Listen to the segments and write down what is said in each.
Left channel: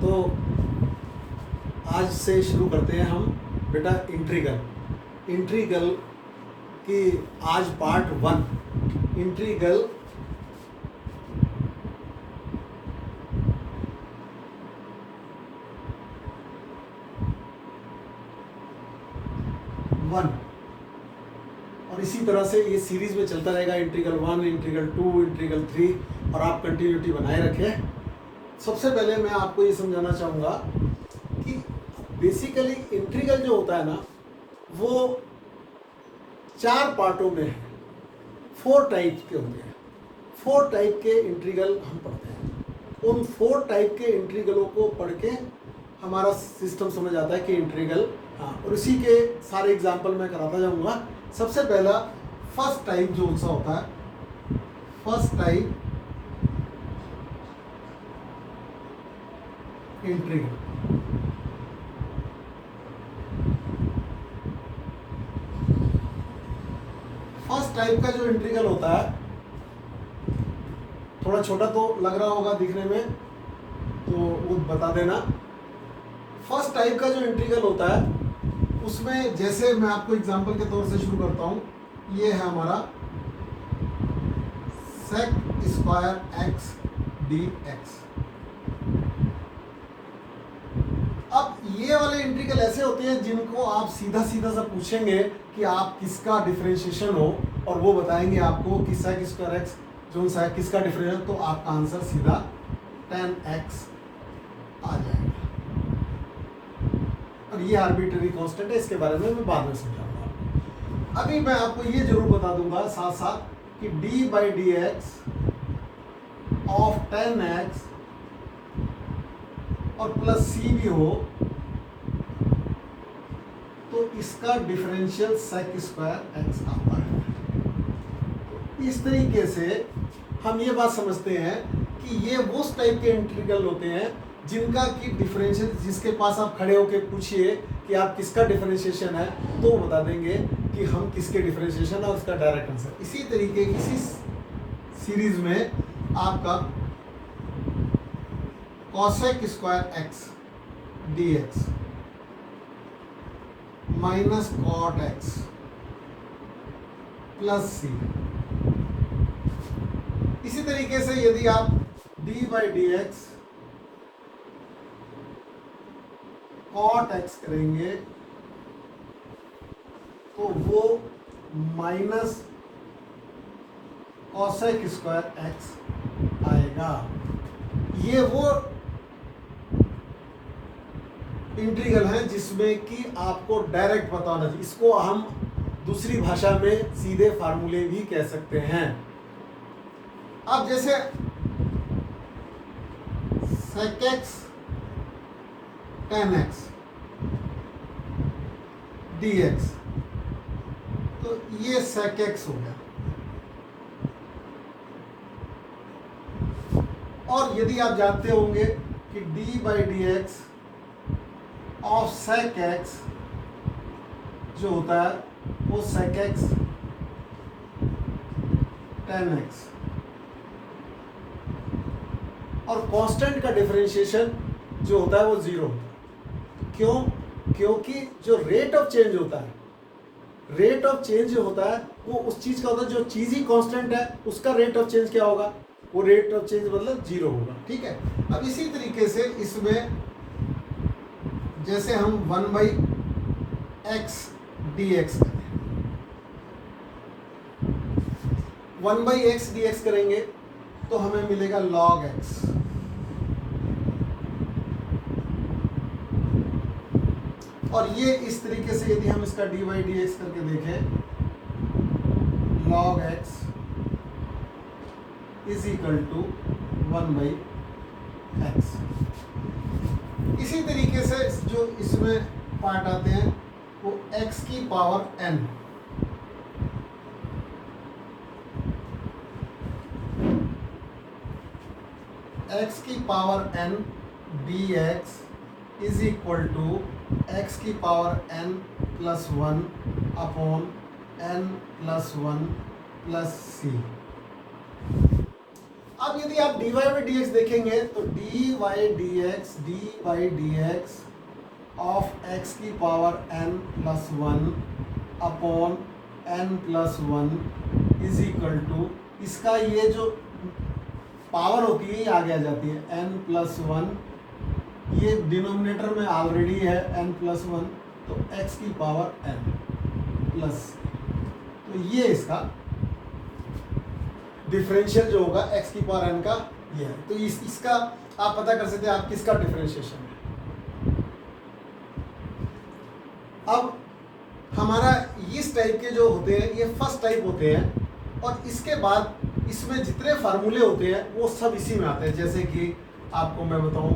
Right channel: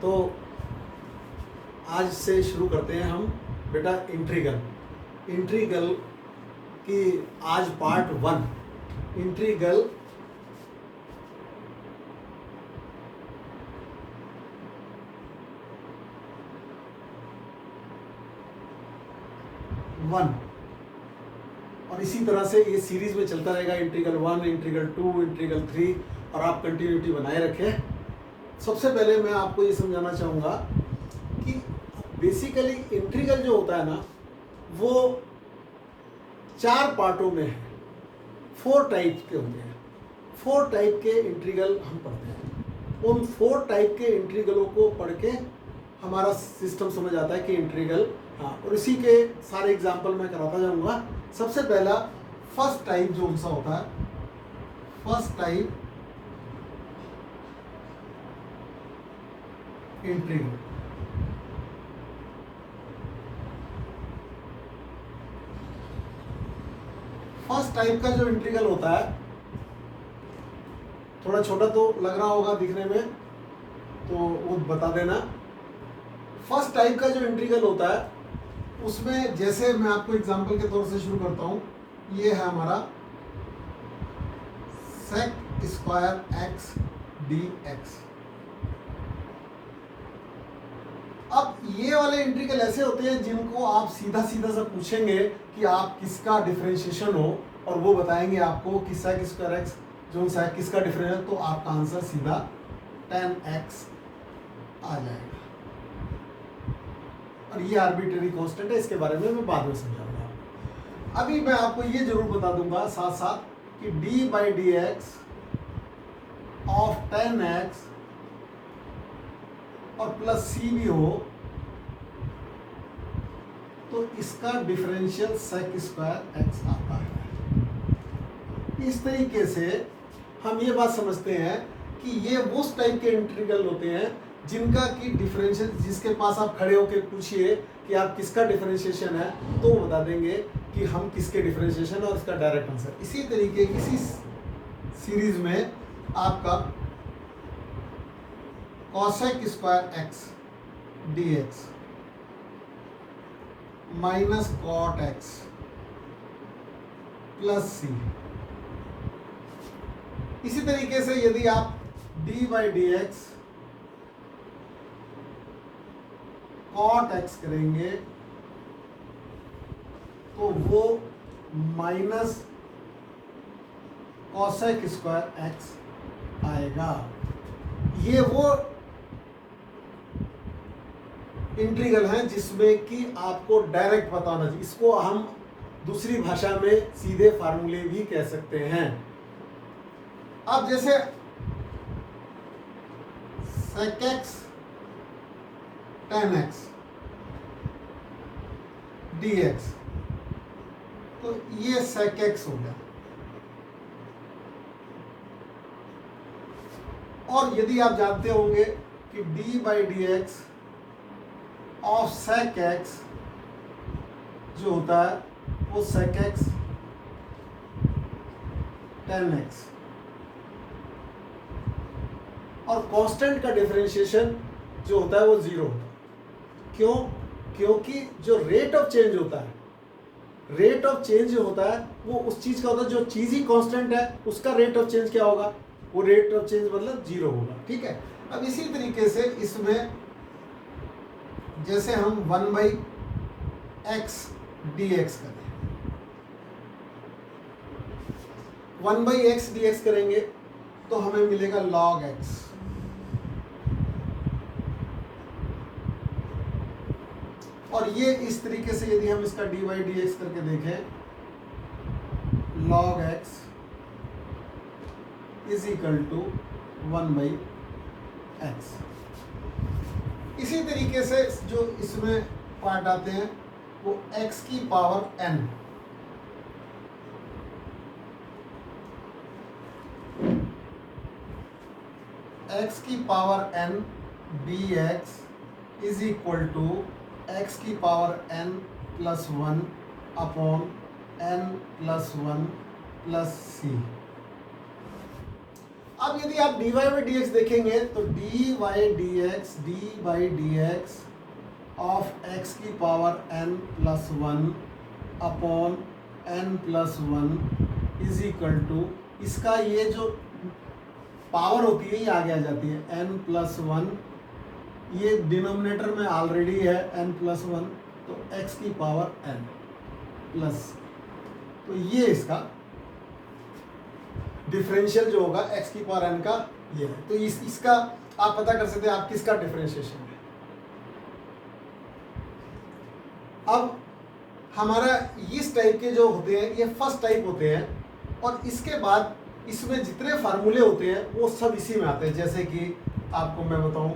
तो आज से शुरू करते हैं हम बेटा इंट्रीगल की आज पार्ट 1 इंट्रीगल और इसी तरह से ये सीरीज में चलता रहेगा। इंट्रीगल 1, इंट्रीगल 2, इंट्रीगल 3 और आप कंटिन्यूटी बनाए रखें। सबसे पहले मैं आपको ये समझाना चाहूँगा कि बेसिकली इंट्रीगल जो होता है ना, वो 4 पार्टों में है, 4 टाइप के होते हैं। 4 टाइप के इंट्रीगल हम पढ़ते हैं। उन 4 टाइप के इंट्रीगलों को पढ़ के हमारा सिस्टम समझ आता है कि इंट्रीगल और इसी के सारे एग्जाम्पल मैं कराता जाऊँगा। सबसे पहला फर्स्ट टाइप जो सा होता है, first type integral. First type का जो इंट्रीगल होता है, थोड़ा छोटा तो लग रहा होगा दिखने में, तो वो बता देना। फर्स्ट टाइप का जो इंट्रीगल होता है उसमें जैसे मैं आपको एग्जांपल के तौर से शुरू करता हूँ। ये है हमारा sec स्क्वायर x dx। अब ये वाले इंट्रीगल ऐसे होते हैं जिनको आप सीधा सीधा सा पूछेंगे कि आप किसका डिफरेंशिएशन हो, और वो बताएंगे आपको कि sec स्क्वायर x जो सा किसका डिफरेंशियल, तो आपका आंसर सीधा tan x आ जाएगा। और ये आर्बिट्रेरी कांस्टेंट है, इसके बारे में मैं बाद में समझाऊंगा। अभी मैं आपको ये जरूर बता दूंगा साथ साथ कि d/dx ऑफ tan x और प्लस c भी हो तो इसका डिफरेंशियल sec स्क्वायर x आता है। इस तरीके से हम ये बात समझते हैं कि ये उस टाइप के इंटीग्रल होते हैं जिनका की डिफरेंशियल, जिसके पास आप खड़े होकर पूछिए कि आप किसका डिफरेंशिएशन है तो वो बता देंगे कि हम किसके डिफरेंशिएशन और उसका डायरेक्ट आंसर। इसी तरीके की इसी सीरीज में आपका cosec square x dx minus cot x plus c। इसी तरीके से यदि आप d/dx cot x करेंगे तो वो माइनस cosec स्क्वायर x आएगा। ये वो इंटीग्रल है जिसमें कि आपको डायरेक्ट पता होना चाहिए। इसको हम दूसरी भाषा में सीधे फार्मूले भी कह सकते हैं। अब जैसे sec x tan x dx, तो ये sec x हो गया। और यदि आप जानते होंगे कि d/dx ऑफ sec x जो होता है वो sec x tan x, और कांस्टेंट का डिफरेंशिएशन जो होता है वो 0 होता है। क्यों? क्योंकि जो रेट ऑफ चेंज होता है, रेट ऑफ चेंज जो होता है वो उस चीज का होता है, जो चीज ही कांस्टेंट है उसका रेट ऑफ चेंज क्या होगा, वो रेट ऑफ चेंज मतलब 0 होगा। ठीक है। अब इसी तरीके से इसमें जैसे हम 1/x dx 1/x dx करेंगे तो हमें मिलेगा log x। और ये इस तरीके से यदि हम इसका dy/dx करके देखें, log x is equal to 1/x। इसी तरीके से जो इसमें पार्ट आते हैं वो x की पावर n, x की power n dx is equal to x की power n plus 1 upon n plus 1 plus c। अब यदि आप dy बाई डी एक्स देखेंगे तो dy by d x of x की power n plus 1 upon n plus 1 is equal to, इसका ये जो पावर होती है ये आगे आ जाती है n प्लस 1, ये डिनोमिनेटर में ऑलरेडी है n प्लस 1, तो x की पावर n प्लस, तो ये इसका डिफरेंशियल जो होगा x की पावर n का ये है। तो इसका आप पता कर सकते हैं आप किसका डिफरेंशिएशन है। अब हमारा इस टाइप के जो होते हैं ये फर्स्ट टाइप होते हैं, और इसके बाद इसमें जितने फार्मूले होते हैं वो सब इसी में आते हैं। जैसे कि आपको मैं बताऊं,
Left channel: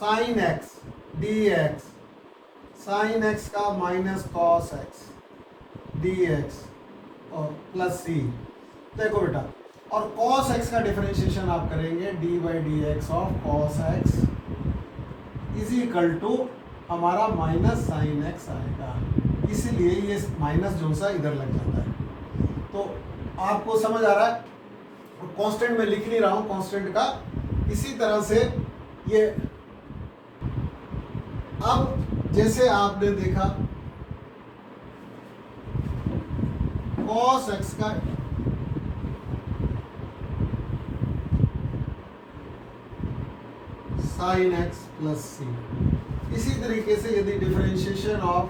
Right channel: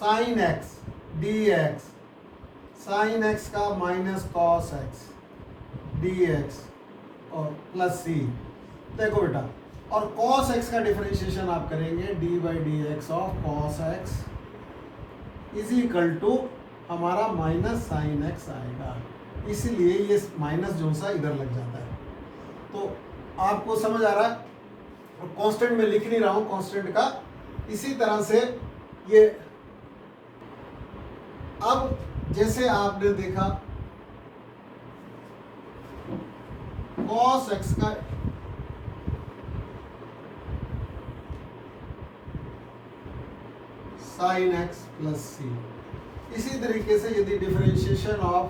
sine x d x, sine x का minus cos x d x और प्लस सी। देखो बेटा, और कॉस एक्स का डिफरेंशिएशन आप करेंगे d by d x of cos x is equal to हमारा माइनस साइन एक्स आएगा, इसीलिए ये माइनस जो सा इधर लग जाता है। तो आपको समझ आ रहा है, कांस्टेंट में लिख नहीं रहा हूं कांस्टेंट का। इसी तरह से ये अब जैसे आपने देखा cos x का sin x प्लस सी, इसी तरीके से यदि डिफरेंशिएशन ऑफ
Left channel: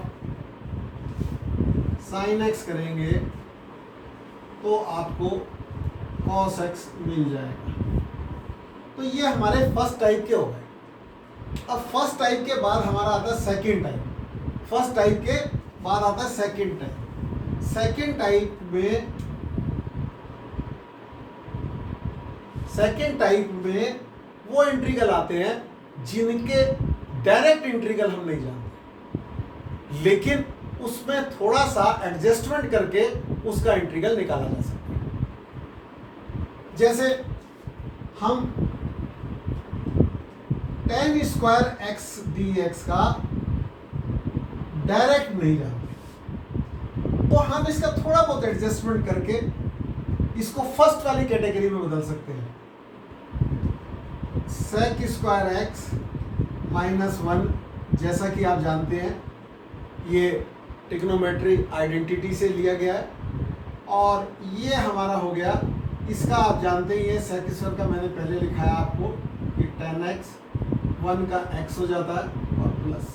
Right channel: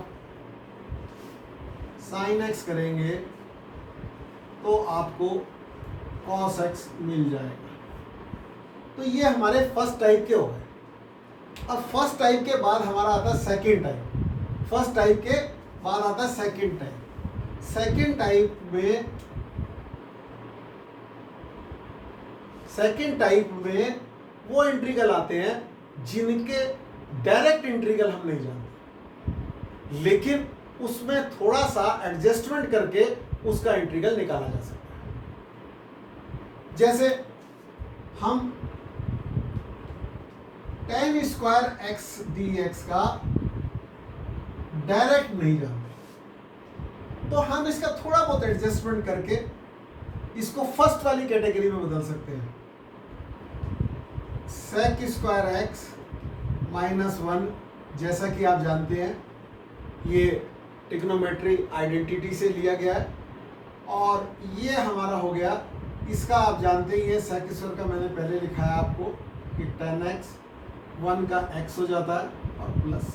sin x करेंगे तो आपको cos x मिल जाएगा। तो ये हमारे फर्स्ट टाइप के हो गए। अब फर्स्ट टाइप के बाद हमारा आता है सेकंड टाइप। फर्स्ट टाइप के बाद आता है सेकंड टाइप। सेकंड टाइप में वो इंटीग्रल आते हैं जिनके डायरेक्ट इंटीग्रल हम नहीं जानते, लेकिन उसमें थोड़ा सा एडजस्टमेंट करके उसका इंटीग्रल निकाला जा सकता है। जैसे हम tan square x d x का डायरेक्ट नहीं जानते, तो हम इसका थोड़ा बहुत एडजस्टमेंट करके इसको फर्स्ट वाली कैटेगरी में बदल सकते हैं। sec स्क्वायर एक्स माइनस 1, जैसा कि आप जानते हैं ये ट्रिग्नोमेट्री आइडेंटिटी से लिया गया है, और ये हमारा हो गया, इसका आप जानते ही है sec स्क्वायर का मैंने पहले लिखा है आपको कि tan x 1 का x हो जाता है और प्लस।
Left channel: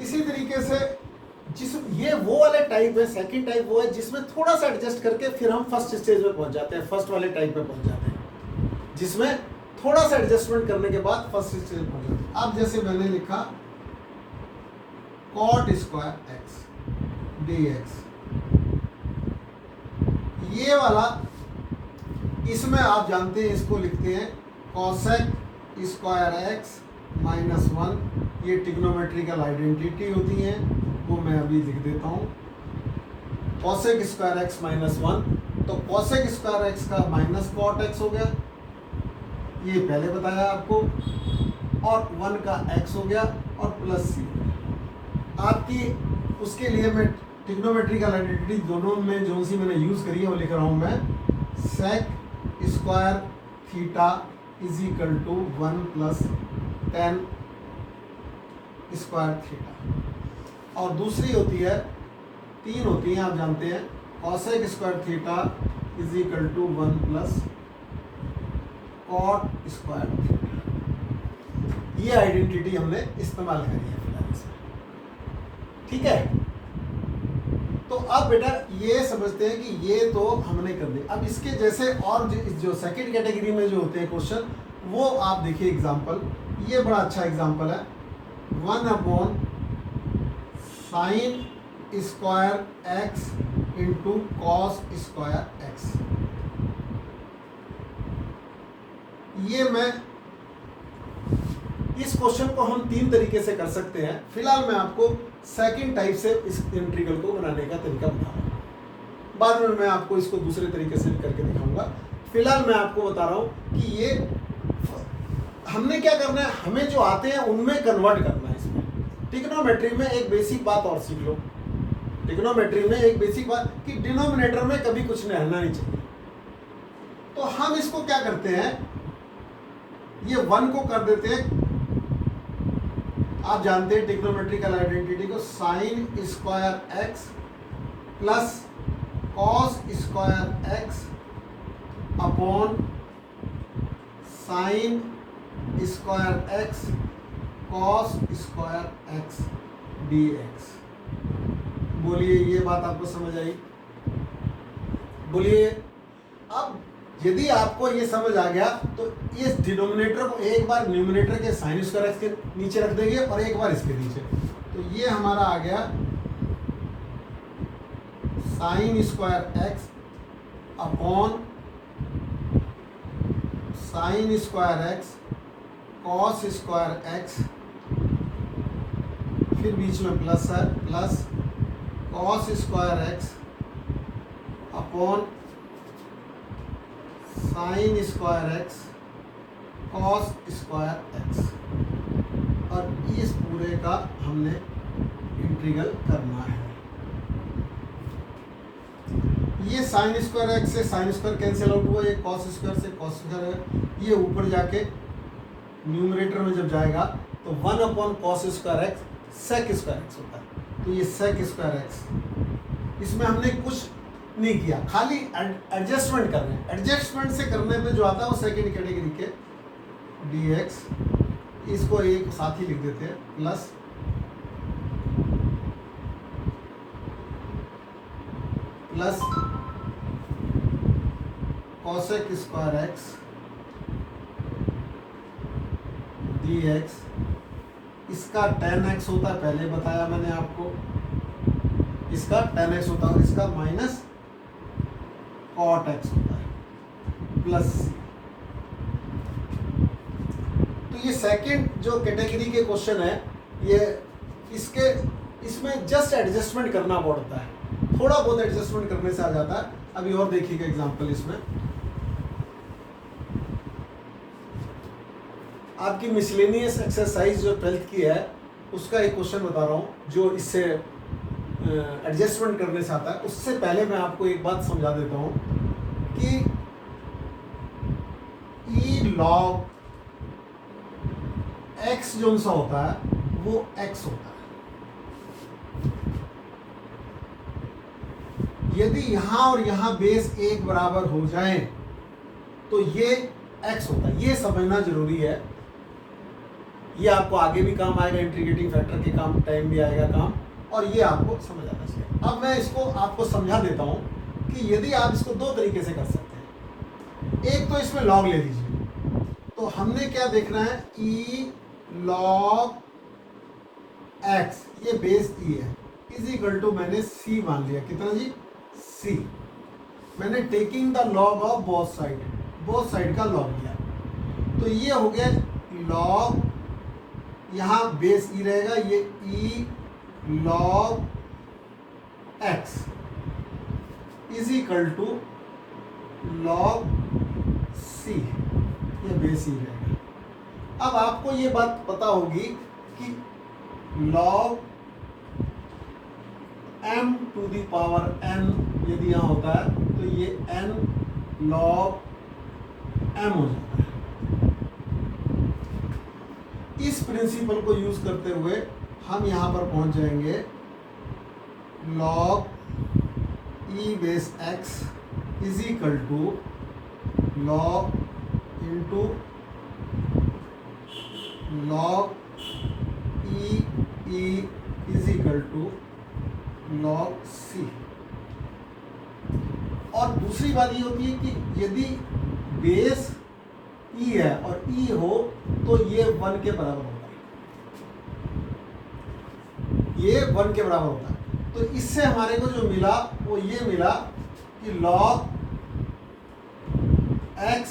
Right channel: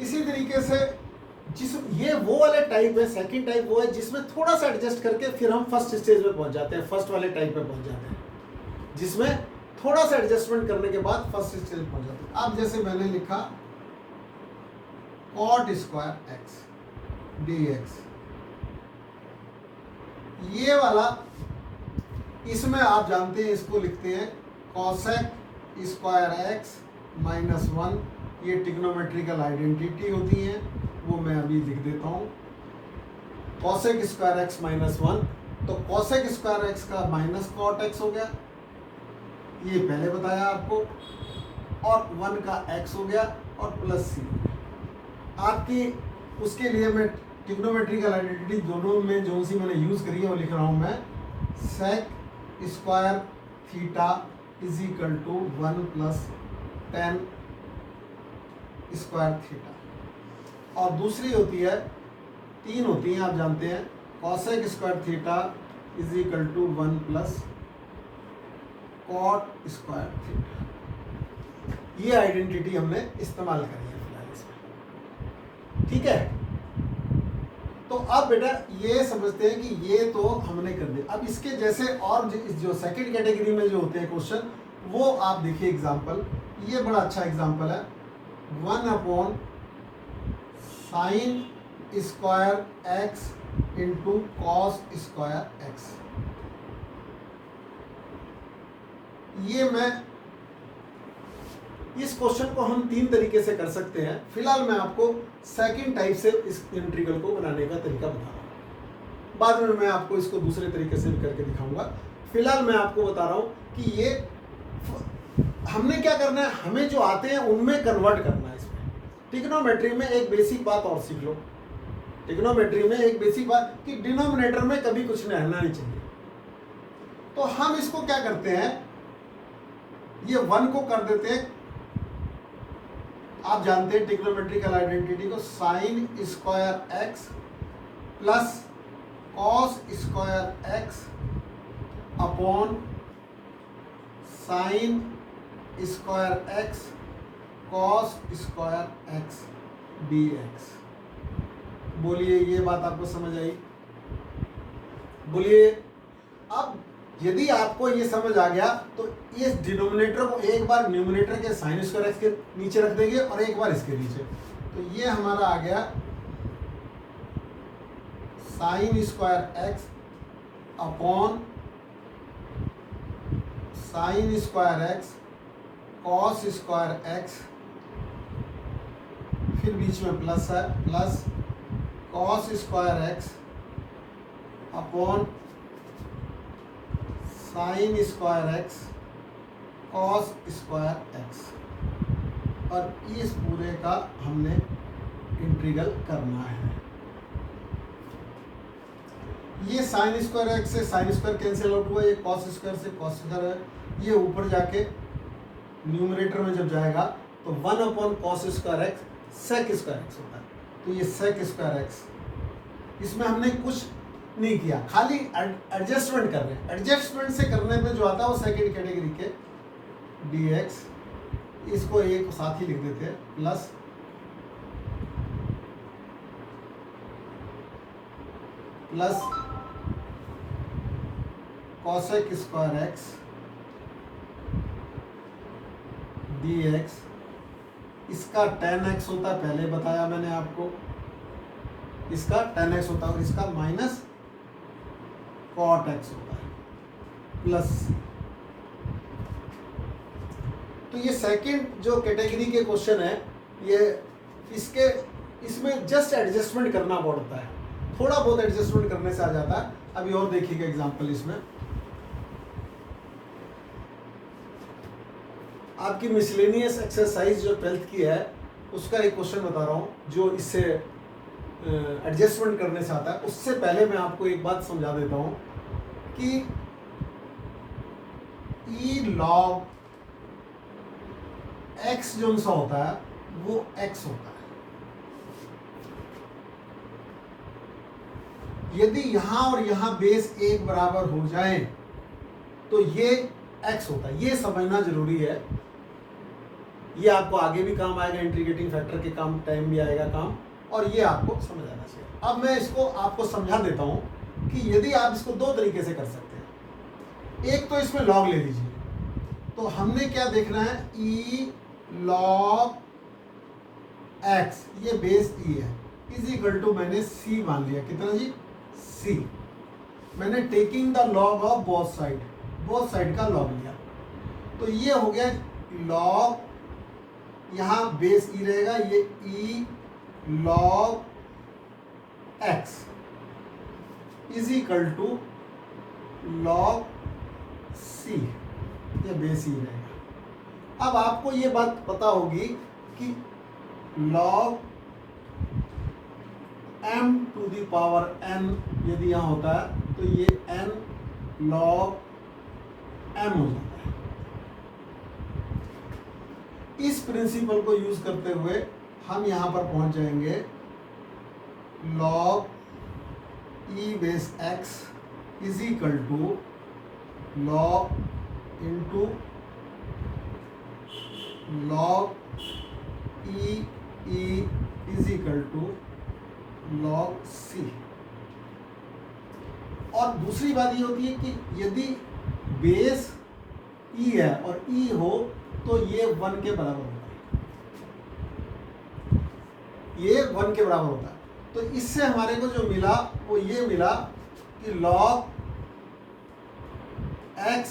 इसी तरीके से जिस ये वो वाले टाइप है, सेकंड टाइप वो है जिसमें थोड़ा सा एडजस्ट करके फिर हम फर्स्ट स्टेज में पहुंच जाते हैं, फर्स्ट वाले टाइप पे पहुंच जाते हैं, जिसमें थोड़ा सा एडजस्टमेंट करने के बाद फर्स्ट स्टेज में पहुंच जाते हैं। अब जैसे मैंने लिखा cot square x d x, ये वाला इसमें आप जानते हैं इसको लिखते हैं cosec स्क्वायर एक्स माइनस 1, ये ट्रिग्नोमेट्रिकल आइडेंटिटी होती है, वो मैं अभी लिख देता हूँ। cosec स्क्वायर एक्स माइनस 1, तो cosec स्क्वायर एक्स का माइनस cot x हो गया, ये पहले बताया आपको, और 1 का x हो गया और प्लस सी। आपकी उसके लिए मैं ट्रिग्नोमेट्रिकल आइडेंटिटी दोनों में जो सी मैंने यूज़ करी है वो लिख रहा हूँ मैं, sec square theta is equal to 1 plus tan square theta, और दूसरी होती है, तीन होती हैं आप जानते हैं, cosec square theta is equal to 1 plus cot square theta. ये आइडेंटिटी हमने इस्तेमाल करी है फिलहाल इसमें, ठीक है। तो अब बेटा ये समझते हैं कि ये तो हमने कर दिया। अब इसके जैसे और जो सेकंड कैटेगरी में जो होते हैं क्वेश्चन, वो आप देखिए एग्जांपल, ये बड़ा अच्छा एग्जांपल है, 1 upon sine square x into cos square x. ये मैं इस क्वेश्चन को हम तीन तरीके से कर सकते हैं। फिलहाल मैं आपको सेकंड टाइप से इस इंटीग्रल को बनाने का तरीका बता रहा हूँ, बाद में मैं आपको इसको दूसरे तरीके से भी करके दिखाऊंगा। फिलहाल मैं आपको बता रहा हूँ कि ये हमने क्या करना है, हमें जो आते हैं उनमें कन्वर्ट करना है इसमें। ट्रिग्नोमेट्री में एक बेसिक बात और सीख लो, ट्रिग्नोमेट्री में एक बेसिक बात कि डिनोमिनेटर में कभी कुछ रहना नहीं चाहिए। तो हम इसको क्या करते हैं, ये 1 को कर देते हैं, आप जानते हैं ट्रिग्नोमेट्रिकल आइडेंटिटी को, sign square x plus cos square x upon sine square x cos square x dx। बोलिए ये बात आपको समझ आई? बोलिए। अब यदि आपको ये समझ आ गया तो इस डिनोमिनेटर को एक बार न्यूमिनेटर के साइन स्क्वायर एक्स के नीचे रख देंगे और एक बार इसके नीचे। तो ये हमारा आ गया sine square x upon sine square x cos square x, फिर बीच में प्लस है, plus cos square x upon sine square x cos square x, और इस पूरे का हमने इंटीग्रल करना है। ये साइन स्क्वायर एक्स से साइन स्क्वायर कैंसिल आउट हुआ, ये कॉस स्क्वायर से कॉस स्क्वायर, ये ऊपर जाके न्यूमरेटर में जब जाएगा तो 1 upon cos square x sec square x होता है। तो ये सेक स्क्वायर एक्स, इसमें हमने कुछ नहीं किया, खाली एडजस्टमेंट कर रहे हैं। एडजस्टमेंट से करने पे जो आता है वो सेकेंड कैटेगरी के dx, इसको एक साथ ही लिख देते हैं, plus plus cosec square x dx, इसका tan x होता है, पहले बताया मैंने आपको, इसका tan x होता है और इसका माइनस cot x होता है, प्लस। तो ये सेकंड जो कैटेगरी के क्वेश्चन है, ये इसमें जस्ट एडजस्टमेंट करना पड़ता है, थोड़ा बहुत एडजस्टमेंट करने से आ जाता है। अभी और देखिएगा एग्जांपल, इसमें आपकी मिसलेनियस एक्सरसाइज जो 12th की है उसका एक क्वेश्चन बता रहा हूँ जो इससे एडजस्टमेंट करने से आता है। उससे पहले मैं आपको एक बात समझा देता हूँ कि ई लॉग एक्स जो सा होता है वो एक्स होता है। यदि यहां और यहां बेस एक बराबर हो जाए तो ये एक्स होता है, ये समझना जरूरी है। ये आपको आगे भी काम आएगा, इंटीग्रेटिंग फैक्टर के काम टाइम भी आएगा काम, और ये आपको समझ आना चाहिए। अब मैं इसको आपको समझा देता हूं कि यदि आप इसको दो तरीके से कर सकते हैं। एक तो इसमें लॉग ले लीजिए, तो हमने क्या देखना है, ई लॉग एक्स, ये बेस ई है, इज इक्वल टू मैंने सी मान लिया, कितना जी, सी। मैंने taking the log of both side का लॉग लिया, तो ये हो गया लॉग, यहाँ बेस ई रहेगा, ये E log x is equal to log C, ये बेस ई रहेगा। अब आपको ये बात पता होगी कि log m to the power n यदि यहाँ होता है तो ये n log m हो जाता है। इस प्रिंसिपल को यूज करते हुए हम यहाँ पर पहुँच जाएंगे log e base x is equal to log into log e is equal to log c। और दूसरी बात ये होती है कि यदि बेस e है और e हो तो ये 1 के बराबर होता है, ये 1 के बराबर होता है। तो इससे हमारे को जो मिला वो ये मिला कि log x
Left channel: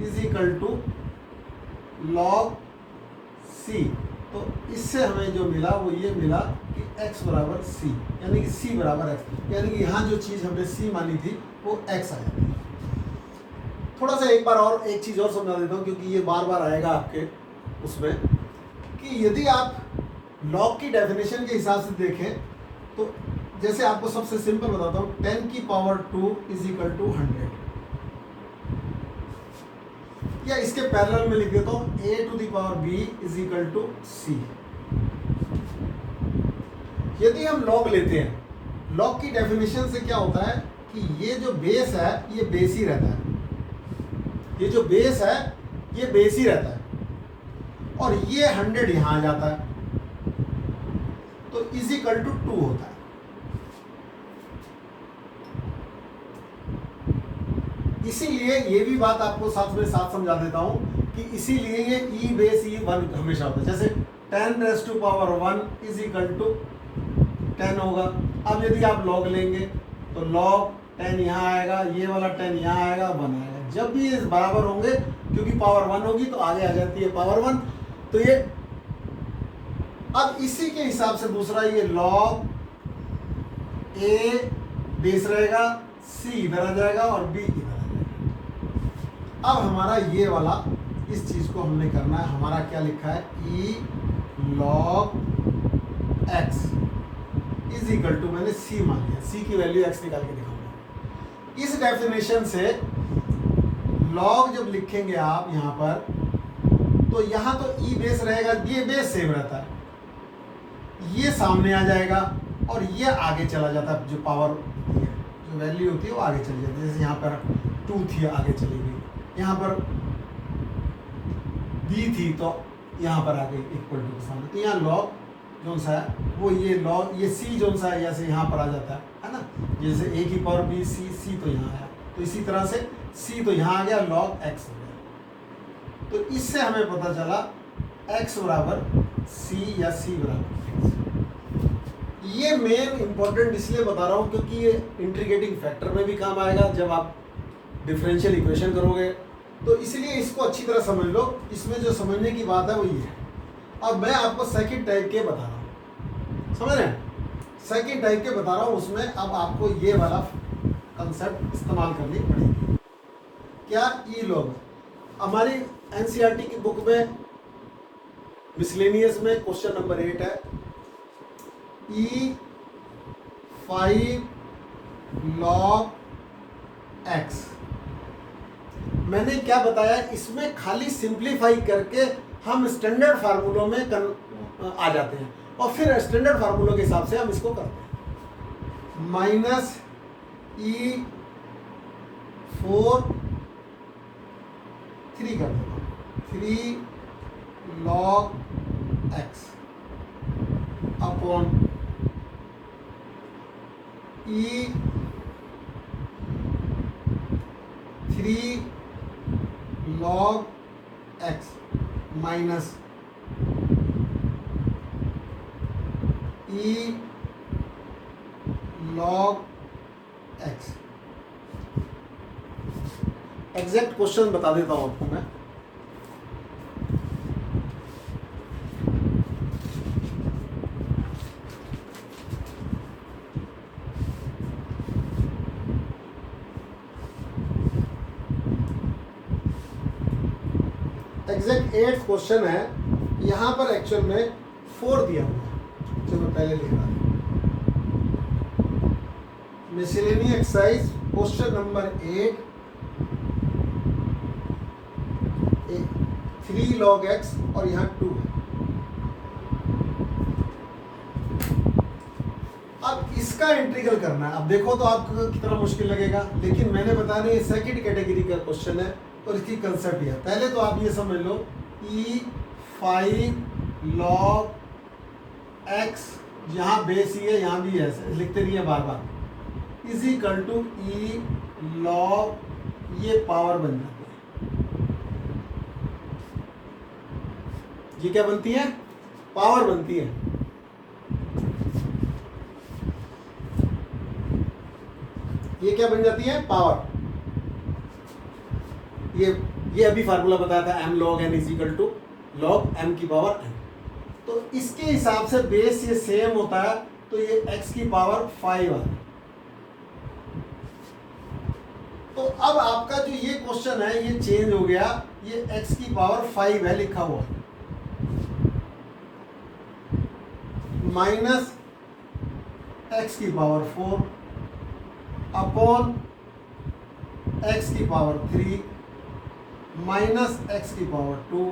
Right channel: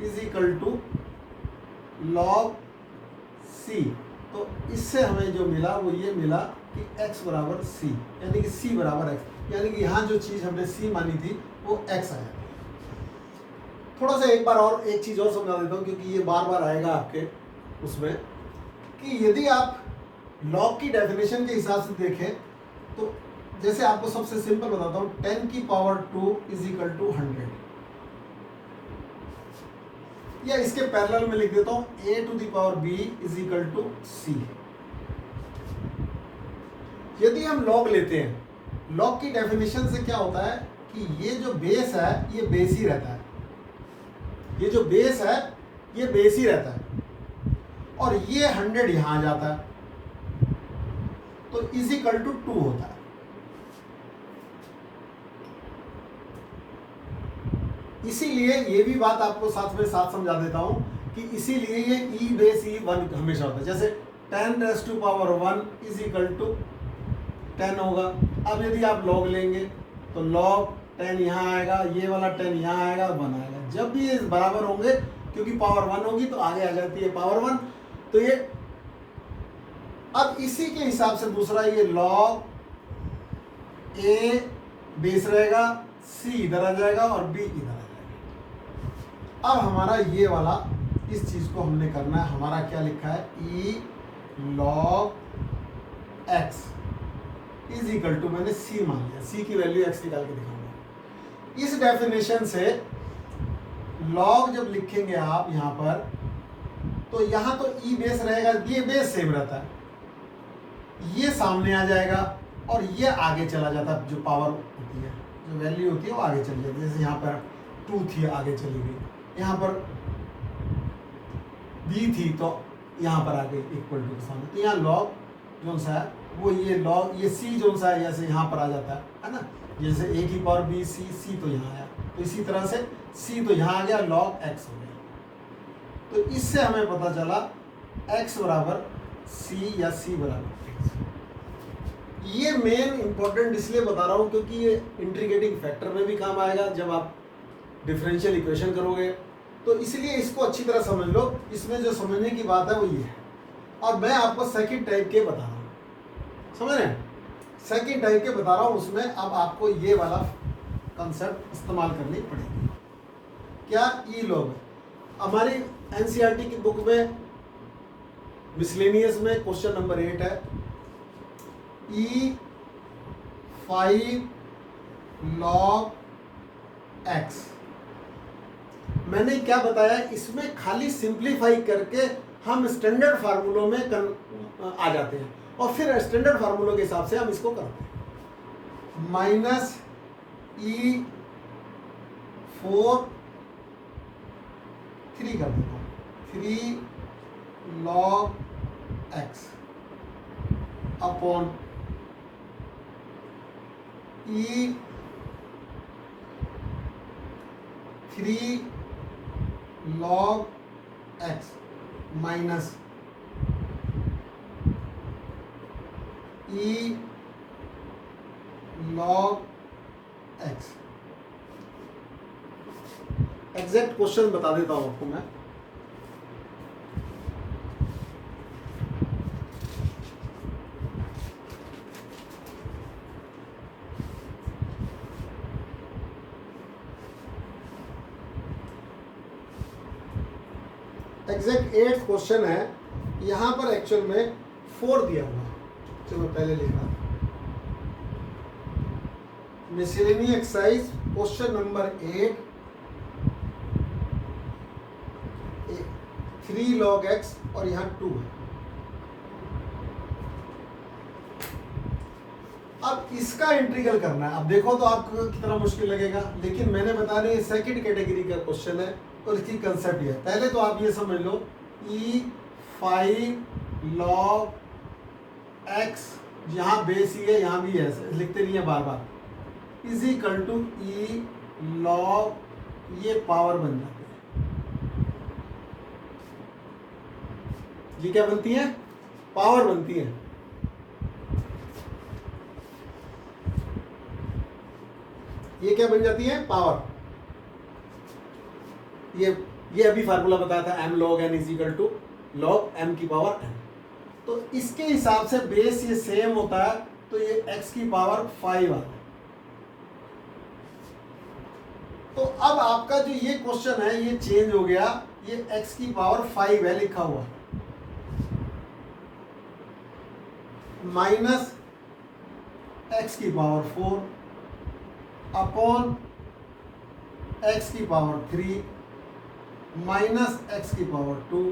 is equal to log c। तो इससे हमें जो मिला वो ये मिला कि x बराबर c, यानी कि c बराबर x, यानी कि यहाँ जो चीज़ हमने c मानी थी वो x आ जाती है। थोड़ा सा एक बार और एक चीज़ और समझा देता हूँ, क्योंकि ये बार बार आएगा आपके उसमें, कि यदि आप लॉग की डेफिनेशन के हिसाब से देखें तो जैसे आपको सबसे सिंपल बताता हूँ, 10 की पावर 2 इज इक्वल टू 100, या इसके पैरेलल में लिख देता हूँ a to the power b is equal to c। यदि हम लॉग लेते हैं, लॉग की डेफिनेशन से क्या होता है कि ये जो बेस है ये बेस ही रहता है, ये जो बेस है ये बेस ही रहता है, और ये 100 यहां आ जाता है, तो इज इक्वल टू 2 होता है। इसीलिए ये भी बात आपको साथ में साथ समझा देता हूं कि इसीलिए ये e बेस e1 हमेशा होता है। जैसे 10 raise to power 1 is equal to 10 होगा। अब यदि आप लॉग लेंगे तो लॉग 10 यहाँ आएगा, ये वाला 10 यहाँ आएगा, 1 आएगा। जब भी ये बराबर होंगे, क्योंकि पावर 1 होगी तो आगे आ जाती है पावर 1, तो ये अब इसी के हिसाब से दूसरा ये लॉग a बेस रहेगा, c इधर आ जाएगा और b इधर आ जाएगा। अब हमारा ये वाला इस चीज को हमने करना है, हमारा क्या लिखा है, e log x is equal to, मैंने c मान लिया, c की वैल्यू x निकाल के दिखाऊंगा। इस डेफिनेशन से लॉग जब लिखेंगे आप यहाँ पर, तो यहाँ तो e बेस रहेगा, ये बेस सेम रहता है, ये सामने आ जाएगा और ये आगे चला जाता है। जो पावर होती है, जो वैल्यू होती है वो आगे चली जाती है। जैसे यहाँ पर 2 थी, आगे चली गई, यहाँ पर b थी तो यहाँ पर आ गई इक्वल टू के सामने। तो यहाँ लॉग जो सा है वो ये लॉग, ये c जो सा है जैसे यहाँ पर आ जाता है ना, जैसे a की पावर b c तो यहाँ आया, तो इसी तरह से c तो यहाँ आ गया, लॉग x हो गया। तो इससे हमें पता चला x बराबर c या c बराबर x। ये मेन इंपॉर्टेंट इसलिए बता रहा हूँ क्योंकि ये इंटीग्रेटिंग फैक्टर में भी काम आएगा जब आप डिफरेंशियल इक्वेशन करोगे, तो इसलिए इसको अच्छी तरह समझ लो। इसमें जो समझने की बात है वो ये है। और मैं आपको सेकंड टाइप के बता रहा हूँ, समझ रहे हैं, सेकंड टाइप के बता रहा हूँ। उसमें अब आपको ये वाला कंसेप्ट इस्तेमाल करनी पड़ेगी। क्या, ई लॉग हमारी एनसीईआरटी की बुक में मिसलेनियस में क्वेश्चन नंबर 8 है, e5 log x। मैंने क्या बताया, इसमें खाली सिंप्लीफाई करके हम स्टैंडर्ड फार्मूलों में आ जाते हैं और फिर स्टैंडर्ड फार्मूलों के हिसाब से हम इसको करते हैं। माइनस e4 3 कर देता हूँ, 3 log x upon e3 log x minus e log x। Exact question बता देता हूं आपको मैं। एग्जैक्ट 8 क्वेश्चन है, यहाँ पर एक्चुअल में 4 दिया हुआ है, जो मैं पहले लिख रहा था। Miscellaneous exercise question number 8, 3 log x और यहाँ 2 है। अब इसका इंटीग्रल करना है। अब देखो तो आपको कितना मुश्किल लगेगा, लेकिन मैंने बता रही सेकंड कैटेगरी का क्वेश्चन है और इसकी कंसेप्ट है। पहले तो आप ये समझ लो, e5 log x, यहाँ बेस ही है, यहाँ भी है, लिखते नहीं है बार बार, is equal to e log, ये पावर बन जाती है। ये क्या बनती है, पावर बनती है। ये क्या बन जाती है, पावर। ये अभी फार्मूला बताया था, m log n is equal to log m की पावर n। तो इसके हिसाब से बेस ये सेम होता है, तो ये x की पावर 5 आता है। तो अब आपका जो ये क्वेश्चन है ये चेंज हो गया, ये x की पावर 5 है लिखा हुआ, माइनस एक्स की पावर 4 अपॉन एक्स की पावर 3 माइनस एक्स की पावर 2।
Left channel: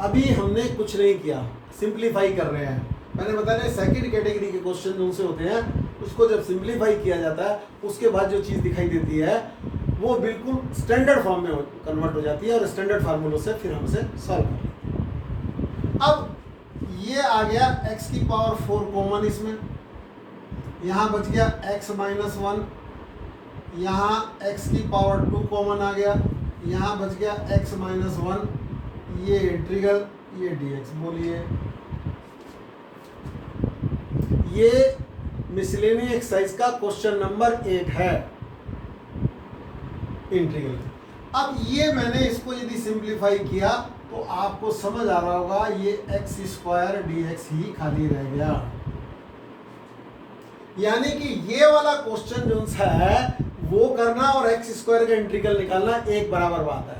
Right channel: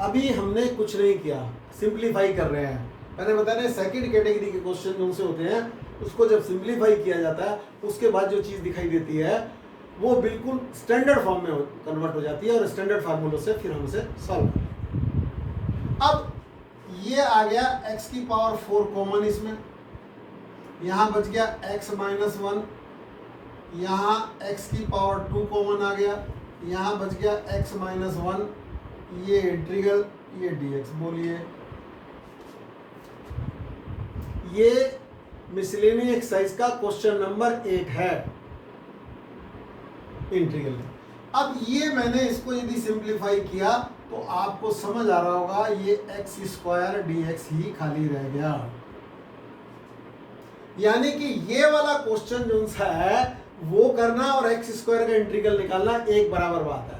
अभी हमने कुछ नहीं किया, सिंप्लीफाई कर रहे हैं। मैंने बताया ना सेकंड कैटेगरी के क्वेश्चन जो उनसे होते हैं, उसको जब सिंप्लीफाई किया जाता है उसके बाद जो चीज़ दिखाई देती है वो बिल्कुल स्टैंडर्ड फॉर्म में कन्वर्ट हो जाती है और स्टैंडर्ड फार्मूलों से फिर हम उसे सॉल्व करेंगे। अब ये आ गया x की पावर 4 कॉमन, इसमें यहाँ बच गया x माइनस 1, यहाँ x की पावर 2 कॉमन आ गया, यहाँ बच गया x माइनस 1, ये इंटीग्रल, ये dx। बोलिए ये मिसलेनियस एक्सरसाइज का क्वेश्चन नंबर 8 है, इंटीग्रल। अब ये मैंने इसको यदि सिंप्लीफाई किया तो आपको समझ आ रहा होगा ये एक्स स्क्वायर dx ही खाली रह गया। यानी कि ये वाला क्वेश्चन जो सा है वो करना और एक्स स्क्वायर का इंटीग्रल निकालना एक बराबर बात है।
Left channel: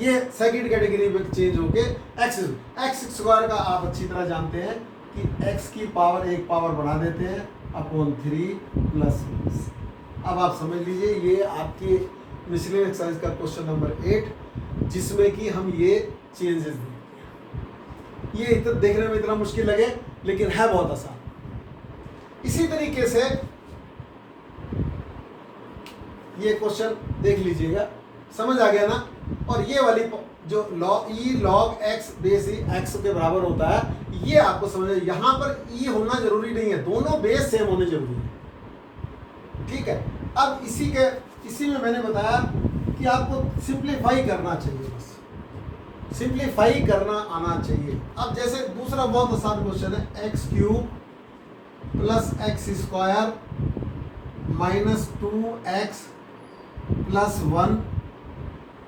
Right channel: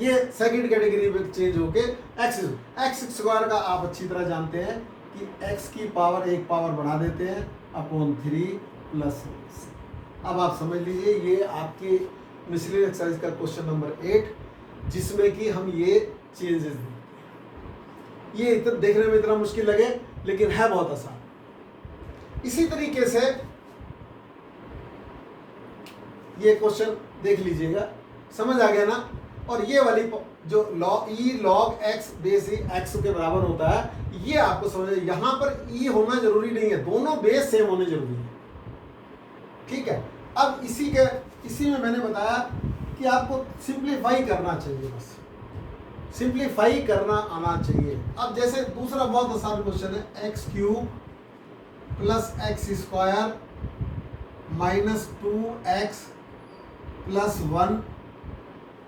ये सेकंड कैटेगरी में चेंज होके एक्स स्क्वायर का आप अच्छी तरह जानते हैं कि x की पावर एक पावर बढ़ा देते हैं अपॉन 3 प्लस। अब आप समझ लीजिए ये आपकी मिसलेनियस एक्सरसाइज का क्वेश्चन नंबर 8 जिसमें कि हम ये चेंजेस, ये इतना देखने में इतना मुश्किल लगे लेकिन है बहुत आसान। इसी तरीके से ये क्वेश्चन देख लीजिएगा, समझ आ गया ना। और ये वाली जो log x बेस x के बराबर होता है, ये आपको समझ, यहाँ पर e होना जरूरी नहीं है, दोनों बेस सेम होने जरूरी है। ठीक है, अब इसी में मैंने बताया कि आपको सिंप्लीफाई करना चाहिए, बस सिंप्लीफाई करना आना चाहिए। अब जैसे दूसरा बहुत आसान क्वेश्चन है, x cube plus x square minus 2x plus 1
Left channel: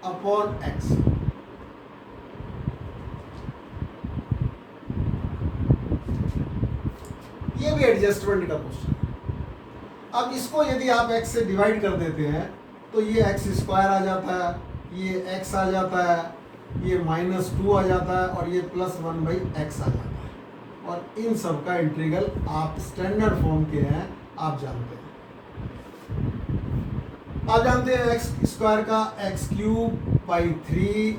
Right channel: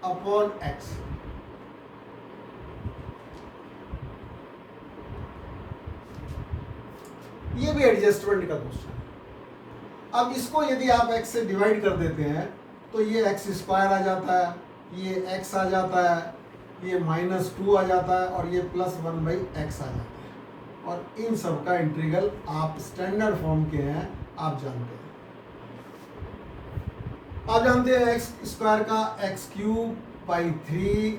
upon x. ये भी एडजस्टमेंट का क्वेश्चन है। अब इसको यदि आप x से डिवाइड कर देते हैं तो ये एक्स स्क्वायर आ जाता है, ये x आ जाता है, ये माइनस 2 आ जाता है और ये प्लस 1/x आ जाता है। और इन सब का इंटीग्रल आप स्टैंडर्ड फॉर्म के हैं, आप जानते हैं। आप जानते हैं एक्स स्क्वायर का एक्स क्यूब बाई 3,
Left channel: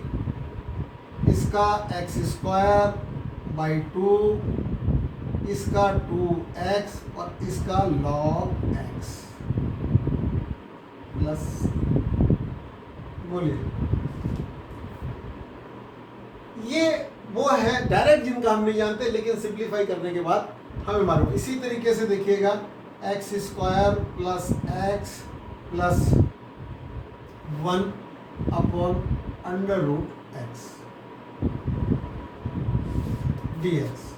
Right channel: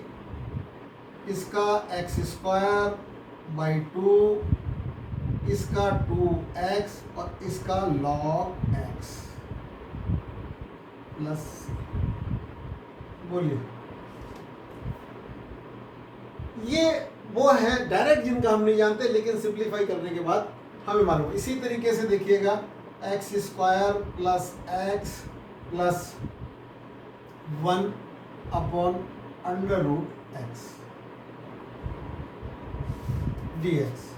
इसका एक्स स्क्वायर बाई 2, इसका 2x और इसका log x प्लस। बोलिए ये वो है डायरेक्ट जिनका हम नहीं जानते लेकिन सिंप्लीफाई करने के बाद हमें मालूम। इसी तरीके से देखिएगा, x square plus x plus 1 upon under root x dx।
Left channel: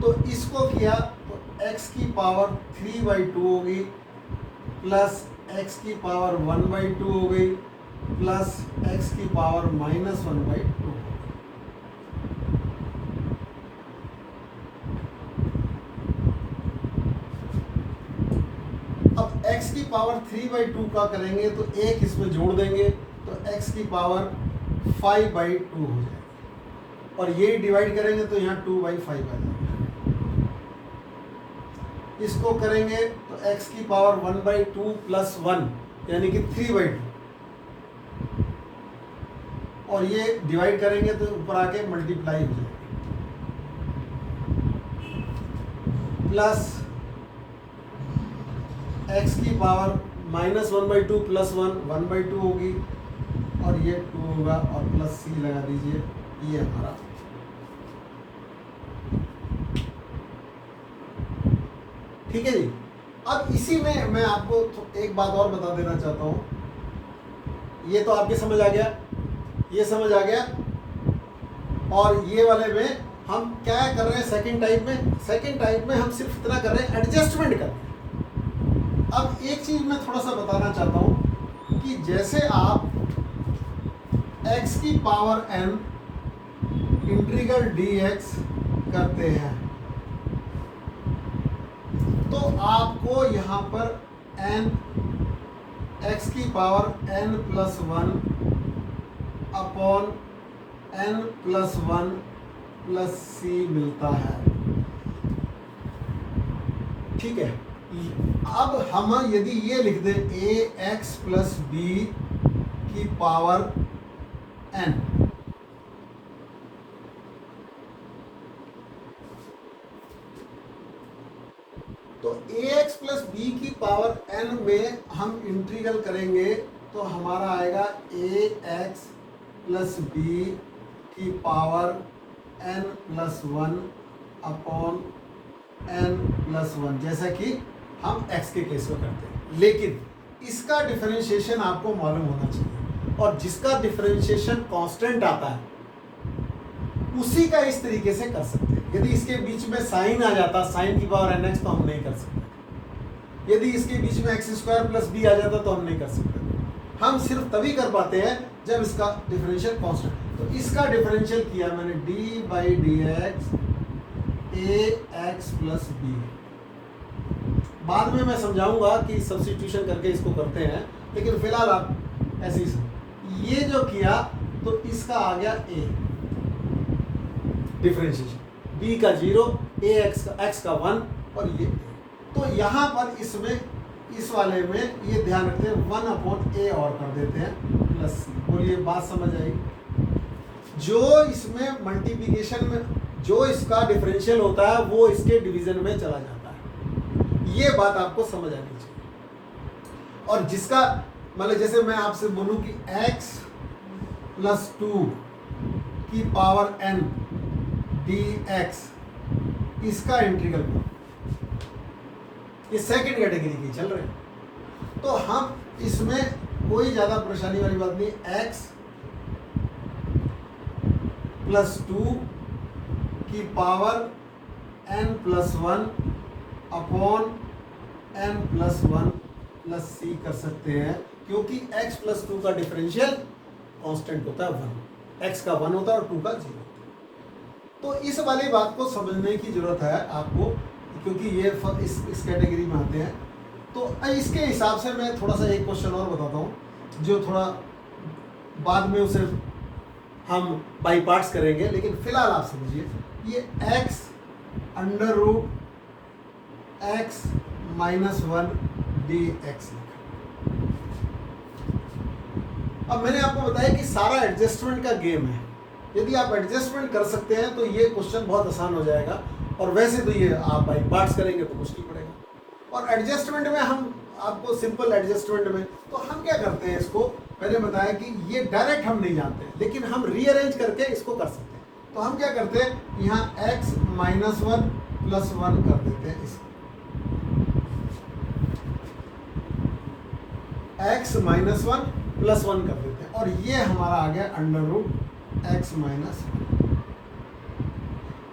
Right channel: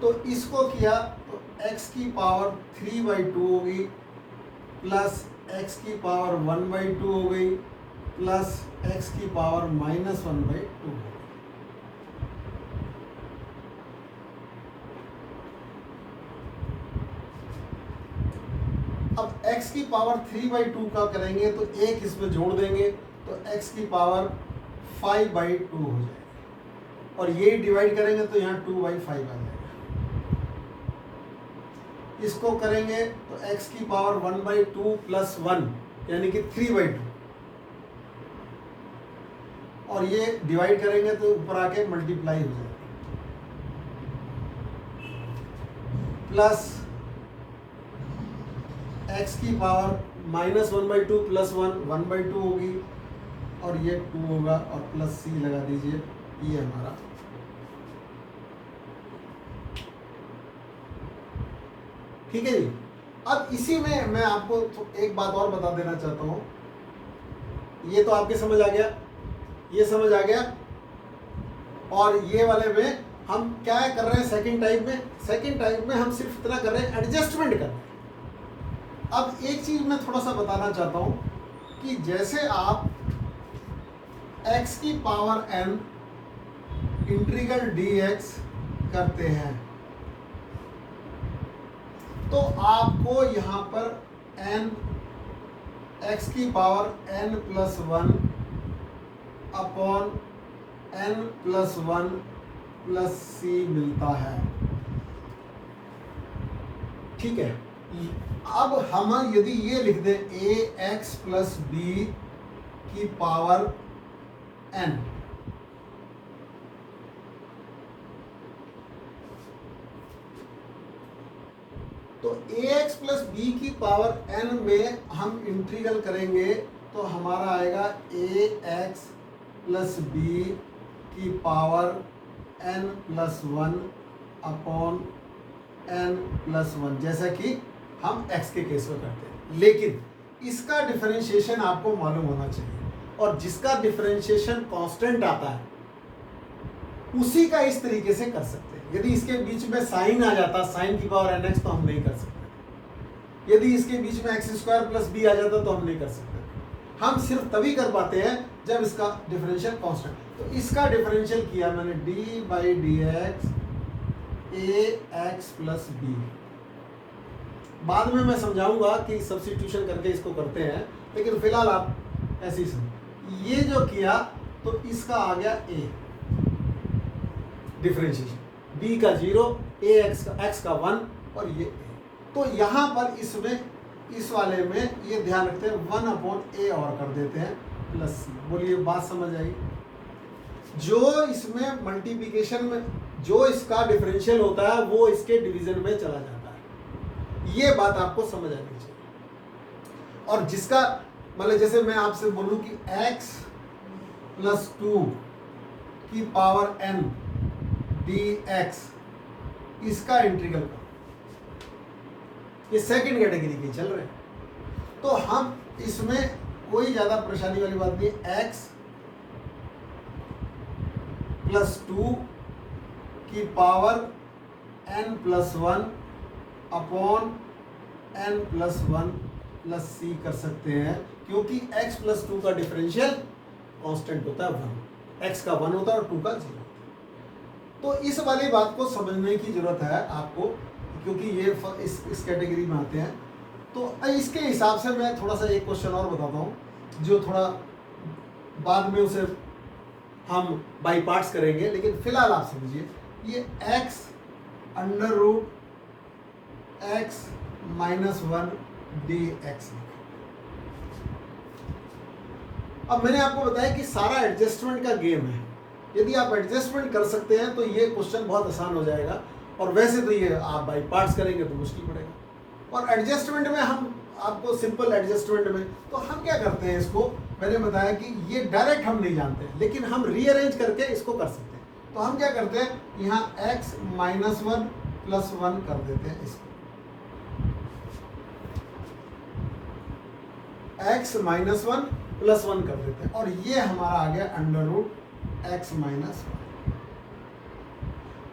तो इसको किया तो x की पावर 3/2 होगी प्लस x की पावर 1/2 हो गई प्लस x की पावर -1/2। अब x की पावर 3/2 का करेंगे तो एक इसमें जोड़ देंगे तो x की पावर 5/2 हो जाएगी और ये डिवाइड करेंगे तो यहाँ 2/5 आ जाएगा। इसको करेंगे तो x की पावर 1/2 प्लस 1 यानी कि 3/2 और ये डिवाइड करेंगे तो ऊपर आके मल्टीप्लाई हो जाएगा प्लस x की पावर -1/2 प्लस 1/2 होगी और ये 2 होगा और प्लस c लगा दीजिए, ये हमारा। ठीक है जी। अब इसी में मैं आपको एक बात और बता देना चाहता हूँ। ये तो आपके समझ आ गया, ये समझ आ गया। और ये वाले में हम क्या कर रहे हैं सेकंड टाइप में हम सिर्फ इतना कर रहे हैं, एडजस्टमेंट कर रहे हैं। अब एक चीज मैं थोड़ा सा बताना चाहता हूँ कि जैसे आप x की पावर n इंटीग्रल dx करते हैं तो आपको यहाँ पर एन एक्स की power N plus one upon N plus one plus C मिलता है। ठीक है, अब हम यदि ये लिख दें ए एक्स प्लस बी की पावर एन, तो ए एक्स प्लस बी की पावर एन में हम इंटीग्रल करेंगे तो हमारा आएगा ए एक्स प्लस बी की power N plus one upon N plus one, जैसा कि हम x के केस में करते हैं। लेकिन इसका डिफरेंशिएशन आपको मालूम होना चाहिए, और जिसका डिफरेंशिएशन कांस्टेंट आता है उसी का इस तरीके से कर सकते हैं। यदि इसके बीच में साइन आ जाता, साइन की पावर एन एक्स, तो हम नहीं कर सकते। यदि इसके बीच में एक्स स्क्वायर प्लस बी आ जाता तो हम नहीं कर सकते। हम सिर्फ तभी कर पाते हैं जब इसका डिफरेंशियल कांस्टेंट। तो इसका डिफरेंशियल किया मैंने d by d x a x plus b. बाद में मैं समझाऊंगा कि सब्स्टिट्यूशन करके इसको करते हैं, लेकिन फिलहाल आप ऐसे ही समझो। ये जो किया तो इसका आ गया ए डिफरेंशिएशन, b का 0, x का 1 और ये a। तो यहाँ पर इसमें इस वाले में ये ध्यान रखते हैं 1 अपॉन a और कर देते हैं प्लस सी। बोलिए बात समझ आई? जो इसमें मल्टीप्लिकेशन में जो इसका डिफरेंशियल होता है वो इसके डिवीजन में चला जाता है। ये बात आपको समझ आनी चाहिए। और जिसका मतलब जैसे मैं आपसे बोलूं कि x प्लस 2 की पावर n dx, इसका इंटीग्रल ये सेकंड कैटेगरी के चल रहे हैं, तो हम इसमें कोई ज्यादा परेशानी वाली बात नहीं। x प्लस 2 की power n plus 1 upon n plus 1 plus C कर सकते हैं, क्योंकि x प्लस 2 का डिफरेंशियल कांस्टेंट होता है 1, x का 1 होता है और 2 का 0। तो इस वाली बात को समझने की जरूरत है आपको, क्योंकि ये इस कैटेगरी में आते हैं। तो इसके हिसाब से मैं थोड़ा सा एक क्वेश्चन और बताता हूँ, जो थोड़ा बाद में उसे हम बाई पार्ट्स करेंगे, लेकिन फिलहाल आप समझिए। ये x under root x minus 1 dx। अब मैंने आपको बताया कि सारा एडजस्टमेंट का गेम है। यदि आप एडजस्टमेंट कर सकते हैं तो ये क्वेश्चन बहुत आसान हो जाएगा, और वैसे तो ये आप बाई पार्ट्स करेंगे तो मुश्किल पड़ेगा। और एडजस्टमेंट में हम आपको सिंपल एडजस्टमेंट में तो हम क्या करते हैं, इसको मैंने बताया कि ये डायरेक्ट हम नहीं जानते, लेकिन हम रीअरेंज करके इसको कर सकते हैं। तो हम क्या करते हैं, यहाँ x माइनस 1 प्लस 1 कर देते हैं इसको, x माइनस 1 प्लस 1 कर देते हैं, और ये हमारा आ गया अंडर रूट x माइनस 1।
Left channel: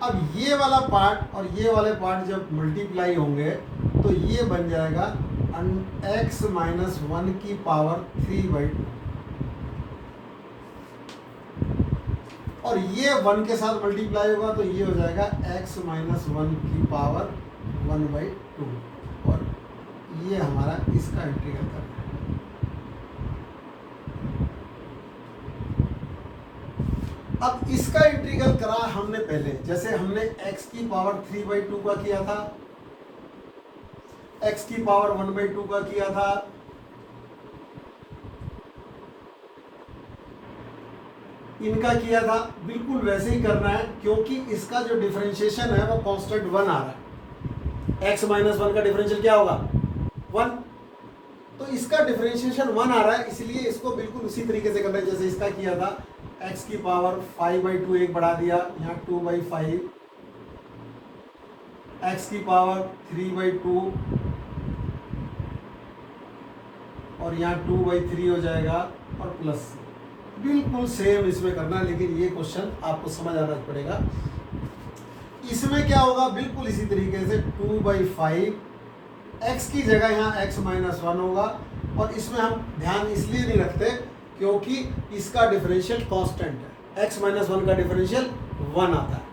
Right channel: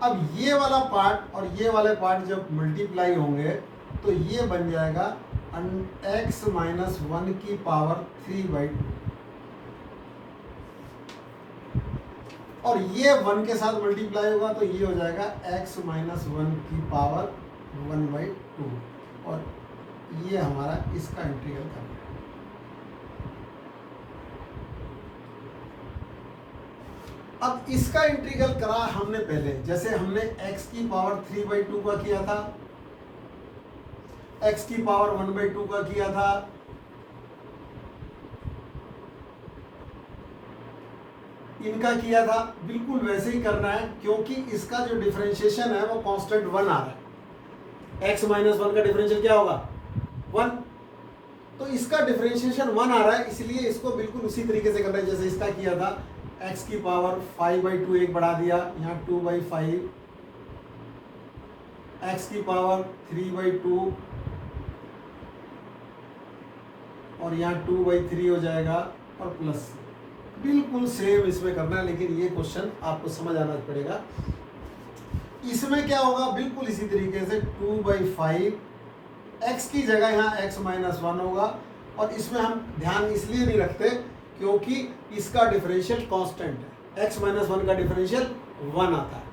अब ये वाला पार्ट और ये वाले पार्ट जब मल्टीप्लाई होंगे तो ये बन जाएगा x माइनस 1 की पावर 3/2, और ये 1 के साथ मल्टीप्लाई होगा तो ये हो जाएगा x माइनस 1 की पावर 1/2, और ये हमारा इसका इंटीग्रल करना है। अब इसका इंटीग्रल करा हमने पहले, जैसे हमने x की पावर 3/2 का किया था, x की पावर 1/2 का किया था, इनका किया था, बिल्कुल वैसे ही करना है, क्योंकि इसका जो डिफरेंशिएशन है वो कांस्टेंट 1 आ रहा है। x माइनस 1 का डिफरेंशियल क्या होगा, 1। तो इसका डिफरेंशिएशन 1 आ रहा है, इसलिए इसको बिल्कुल उसी तरीके से करना है जैसे इसका किया था। x की पावर 5/2 एक बढ़ा दिया, यहाँ 2/5, x की पावर 3/2 और यहाँ 2/3 हो जाएगा, और प्लस बिल्कुल सेम इसमें करना है। लेकिन ये क्वेश्चन आपको समझ आना पड़ेगा। इसमें क्या होगा, बिल्कुल इसी तरीके से 2/5, x की जगह यहाँ x माइनस 1 होगा, और इसमें हम ध्यान इसलिए नहीं रखते क्योंकि इसका डिफरेंशियल कांस्टेंट है। x माइनस 1 का डिफरेंशियल 1 आता है,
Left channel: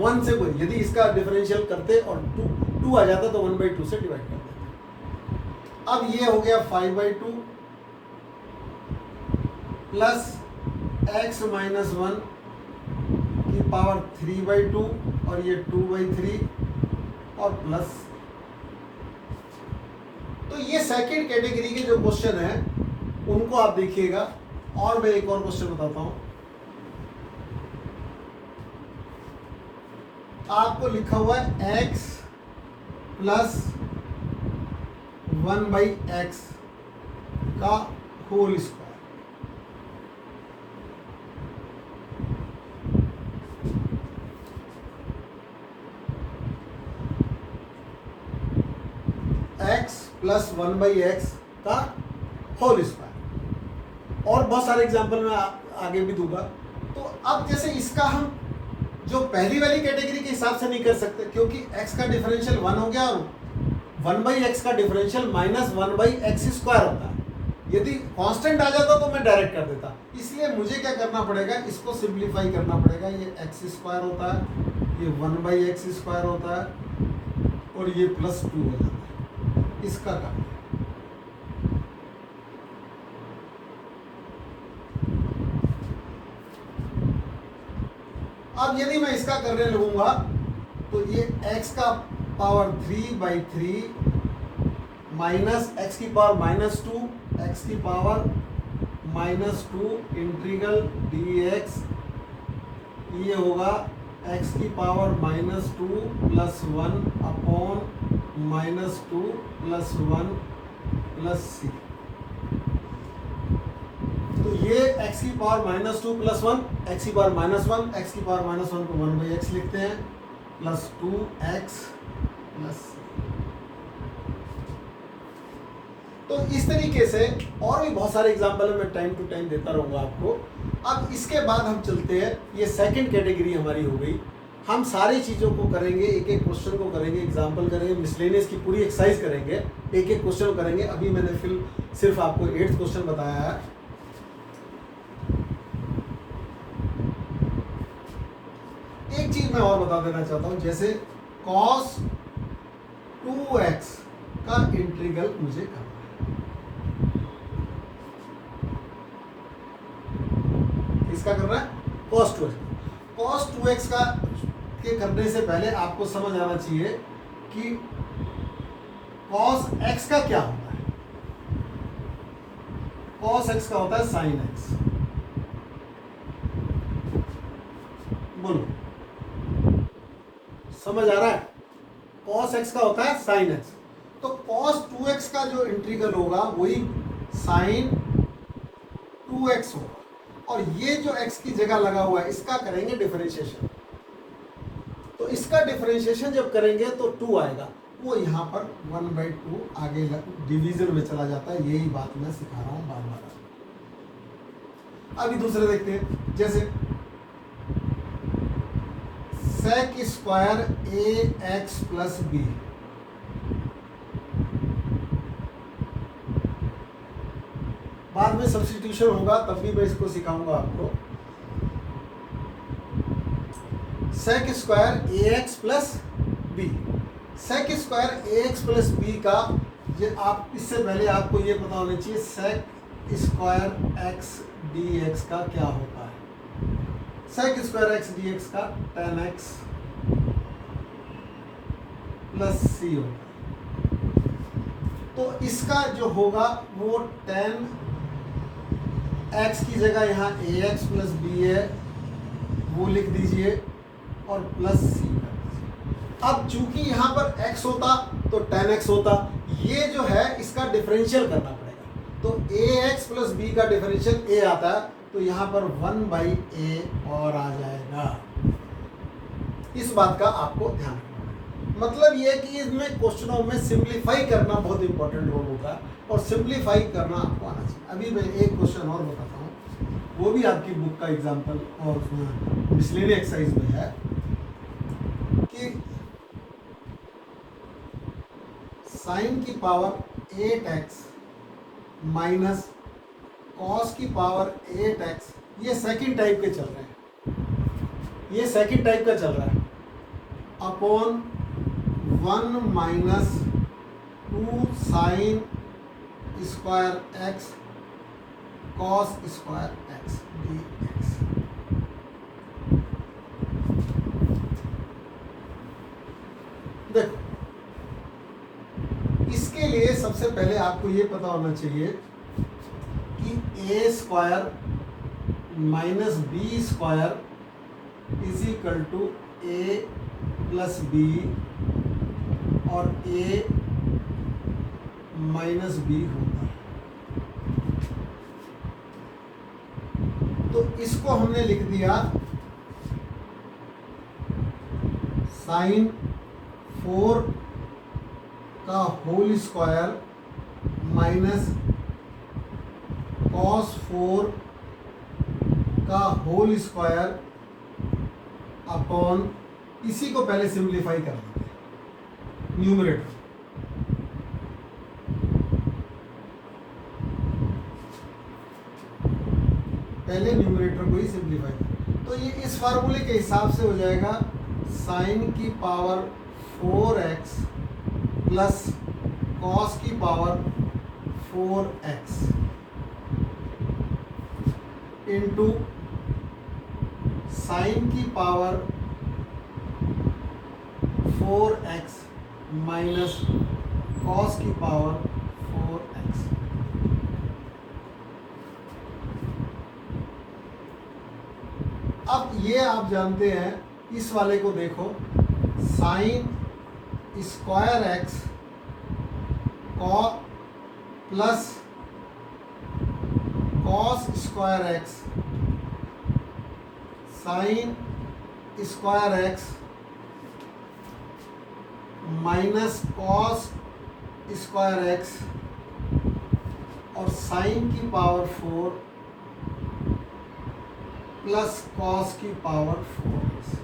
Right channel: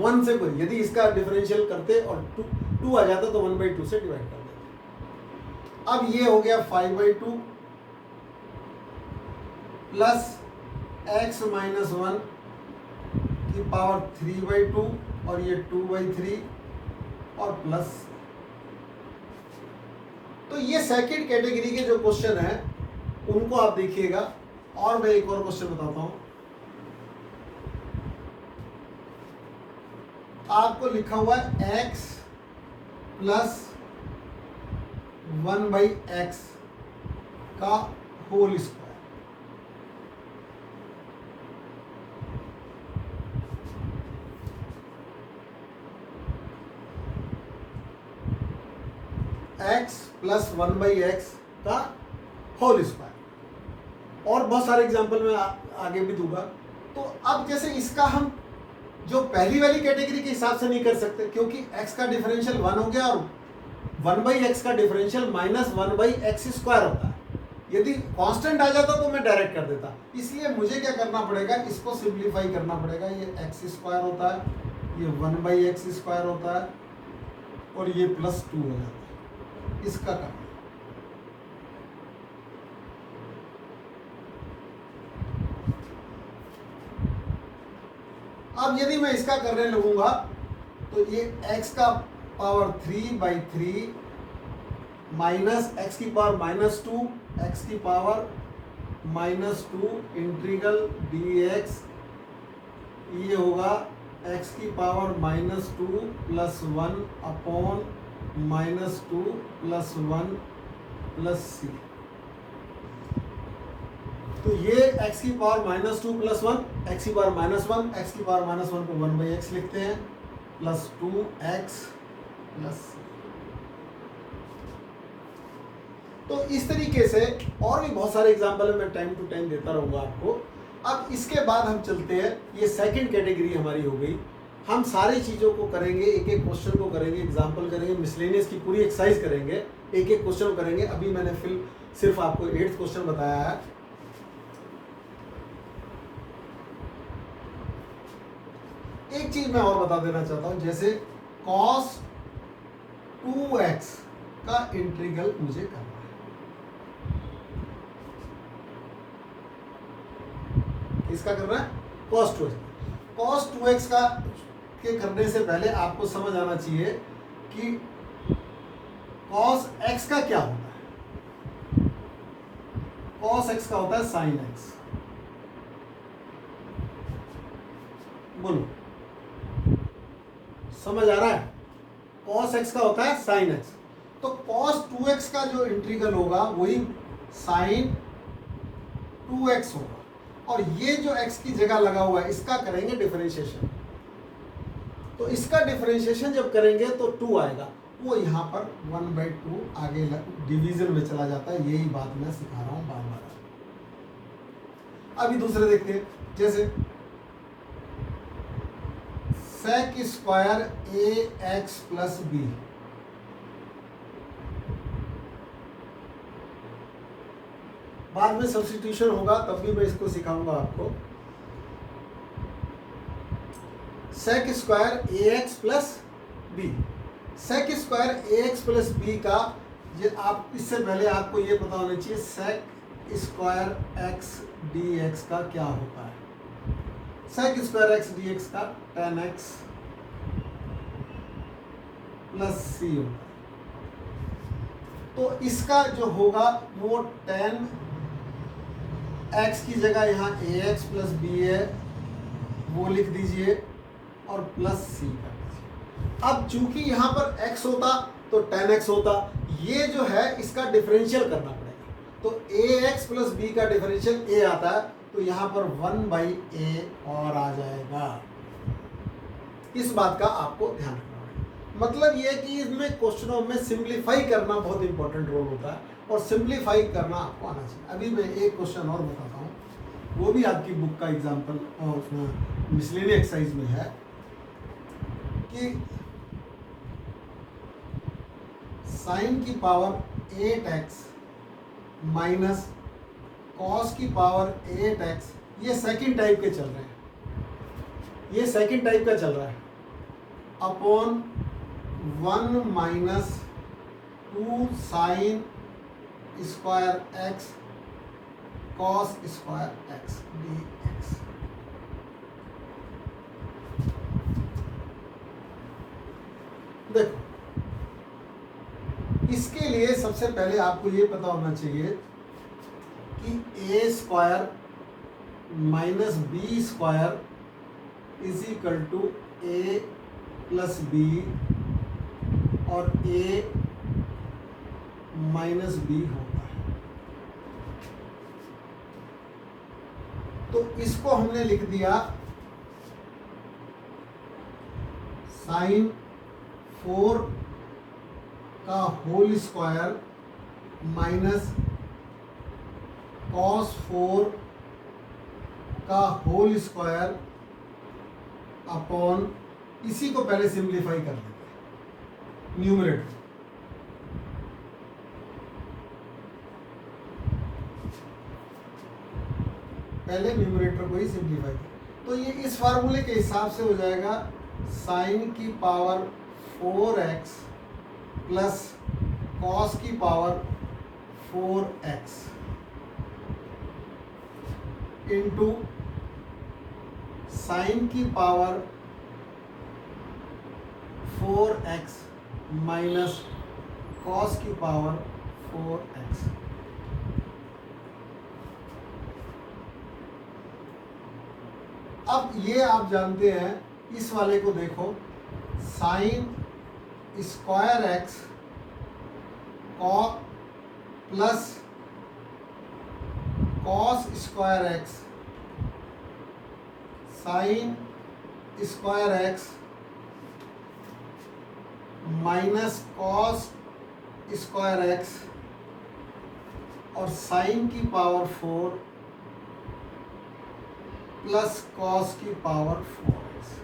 1 से कोई, यदि इसका डिफरेंशियल करते और 2 आ जाता तो 1/2 से डिवाइड कर देते। अब ये हो गया 5/2 प्लस x माइनस 1 की पावर 3/2 और ये 2/3 और प्लस। तो ये सेकंड कैटेगरी के जो क्वेश्चन है उनको आप देखिएगा। और मैं एक और क्वेश्चन बताता हूं। आपको लिखा हुआ है x प्लस 1/x का whole square. x plus 1/x का होल स्क्वायर। और बहुत सारे एग्जाम्पल मैं आगे भी दूंगा। तो अब जैसे इसका हम जो पहली वाली कैटेगरी के हिसाब से नहीं कर सकते, क्योंकि x का डिफरेंशियल 1 हो गया और 1/x का डिफरेंशियल माइनस 1/x स्क्वायर होता है। यदि कांस्टेंट आ जाता तो मैं डायरेक्ट कर देता। इसलिए मुझे क्या करना पड़ेगा, इसको सिंप्लीफाई करना पड़ेगा। ये x स्क्वायर होता है, ये 1/x स्क्वायर होता है और ये प्लस 2 हो जाता है। इसका काम अब यदि मैं इसका करने लगूंगा तो ये x का पावर 3/3 माइनस x की पावर -2 x की पावर -2 इंटीग्रल dx, ये होगा x की power -2 plus 1 upon -2 plus 1 plus c। तो ये x की पावर -2 प्लस 1, x की पावर -1, x की पावर -1 को 1/x लिखते हैं प्लस 2x प्लस c। तो इस तरीके से और भी बहुत सारे एग्जाम्पल है, मैं टाइम टू टाइम देता रहूँगा आपको। अब इसके बाद हम चलते हैं, ये सेकंड कैटेगरी हमारी हो गई। हम सारी चीज़ों को करेंगे, एक एक क्वेश्चन को करेंगे, एग्जाम्पल करेंगे, मिसलेनियस की पूरी एक्सरसाइज करेंगे, एक एक क्वेश्चन करेंगे। अभी मैंने सिर्फ आपको 8th क्वेश्चन बताया है। एक चीज मैं और बता देना चाहता हूं, जैसे cos 2x का इंटीग्रल मुझे करना है। इसका करना है cos 2x। cos 2x का के करने से पहले आपको समझ आना चाहिए कि cos x का क्या होता है। cos x का होता है sin x। बोलो, समझ आ रहा है? cos x का होता है sin x। तो cos 2x का जो इंटीग्रल होगा वही sin 2x होगा। और ये जो x की जगह लगा हुआ है इसका करेंगे डिफरेंशिएशन। तो इसका डिफरेंशिएशन जब करेंगे तो 2 आएगा, वो यहाँ पर 1/2 आगे डिवीजन में चला जाता है। यही बात मैं सिखा रहा हूँ बार बार। अभी दूसरे देखते हैं, जैसे sec square ax plus b। बाद में सब्स्टिट्यूशन होगा तब भी मैं इसको सिखाऊंगा आपको। sec square ax plus b, sec square ax plus b का ये आप इससे पहले आपको ये पता होना चाहिए sec स्क्वायर x dx का क्या होता है। sec स्क्वायर x dx का tan x प्लस c होगा। तो इसका जो होगा वो tan x की जगह यहाँ ax प्लस b है, वो लिख दीजिए और प्लस c। अब चूंकि यहाँ पर x होता तो tan x होता, ये जो है इसका डिफरेंशियल करना पड़ेगा। तो ax प्लस b का डिफरेंशियल a आता है, तो यहाँ पर 1/a और आ जाएगा। इस बात का आपको ध्यान रखना है। मतलब ये कि इसमें क्वेश्चनों में सिंप्लीफाई करना बहुत इंपॉर्टेंट रोल होता है और सिंप्लीफाई करना आपको आना चाहिए। अभी मैं एक क्वेश्चन और बताता हूँ, वो भी आपकी बुक का एग्जाम्पल और उसमें मिसलेनियस एक्सरसाइज में है कि साइन की पावर 8x माइनस कॉस की पावर 8x, ये सेकंड टाइप के चल रहे हैं, ये सेकंड टाइप का चल रहा है, upon 1 minus 2 sign square x cos square x d x. देखो, इसके लिए सबसे पहले आपको ये पता होना चाहिए कि A square minus B square is equal to A plus B और ए माइनस बी होता है। तो इसको हमने लिख दिया साइन 4 का होल स्क्वायर माइनस कॉस 4 का होल स्क्वायर अपॉन, इसी को पहले सिंप्लीफाई कर लेते हैं न्यूमरेटर। पहले न्यूमरेटर को ही सिंप्लीफाई कर, तो ये इस फार्मूले के हिसाब से हो जाएगा साइन की पावर 4x प्लस कॉस की पावर 4x इंटू साइन की पावर 4x माइनस कॉस की पावर 4x। अब ये आप जानते हैं, इस वाले को देखो, sign square x plus cos square x sine square x minus cos square x और साइन की पावर 4 प्लस कॉस की पावर 4x।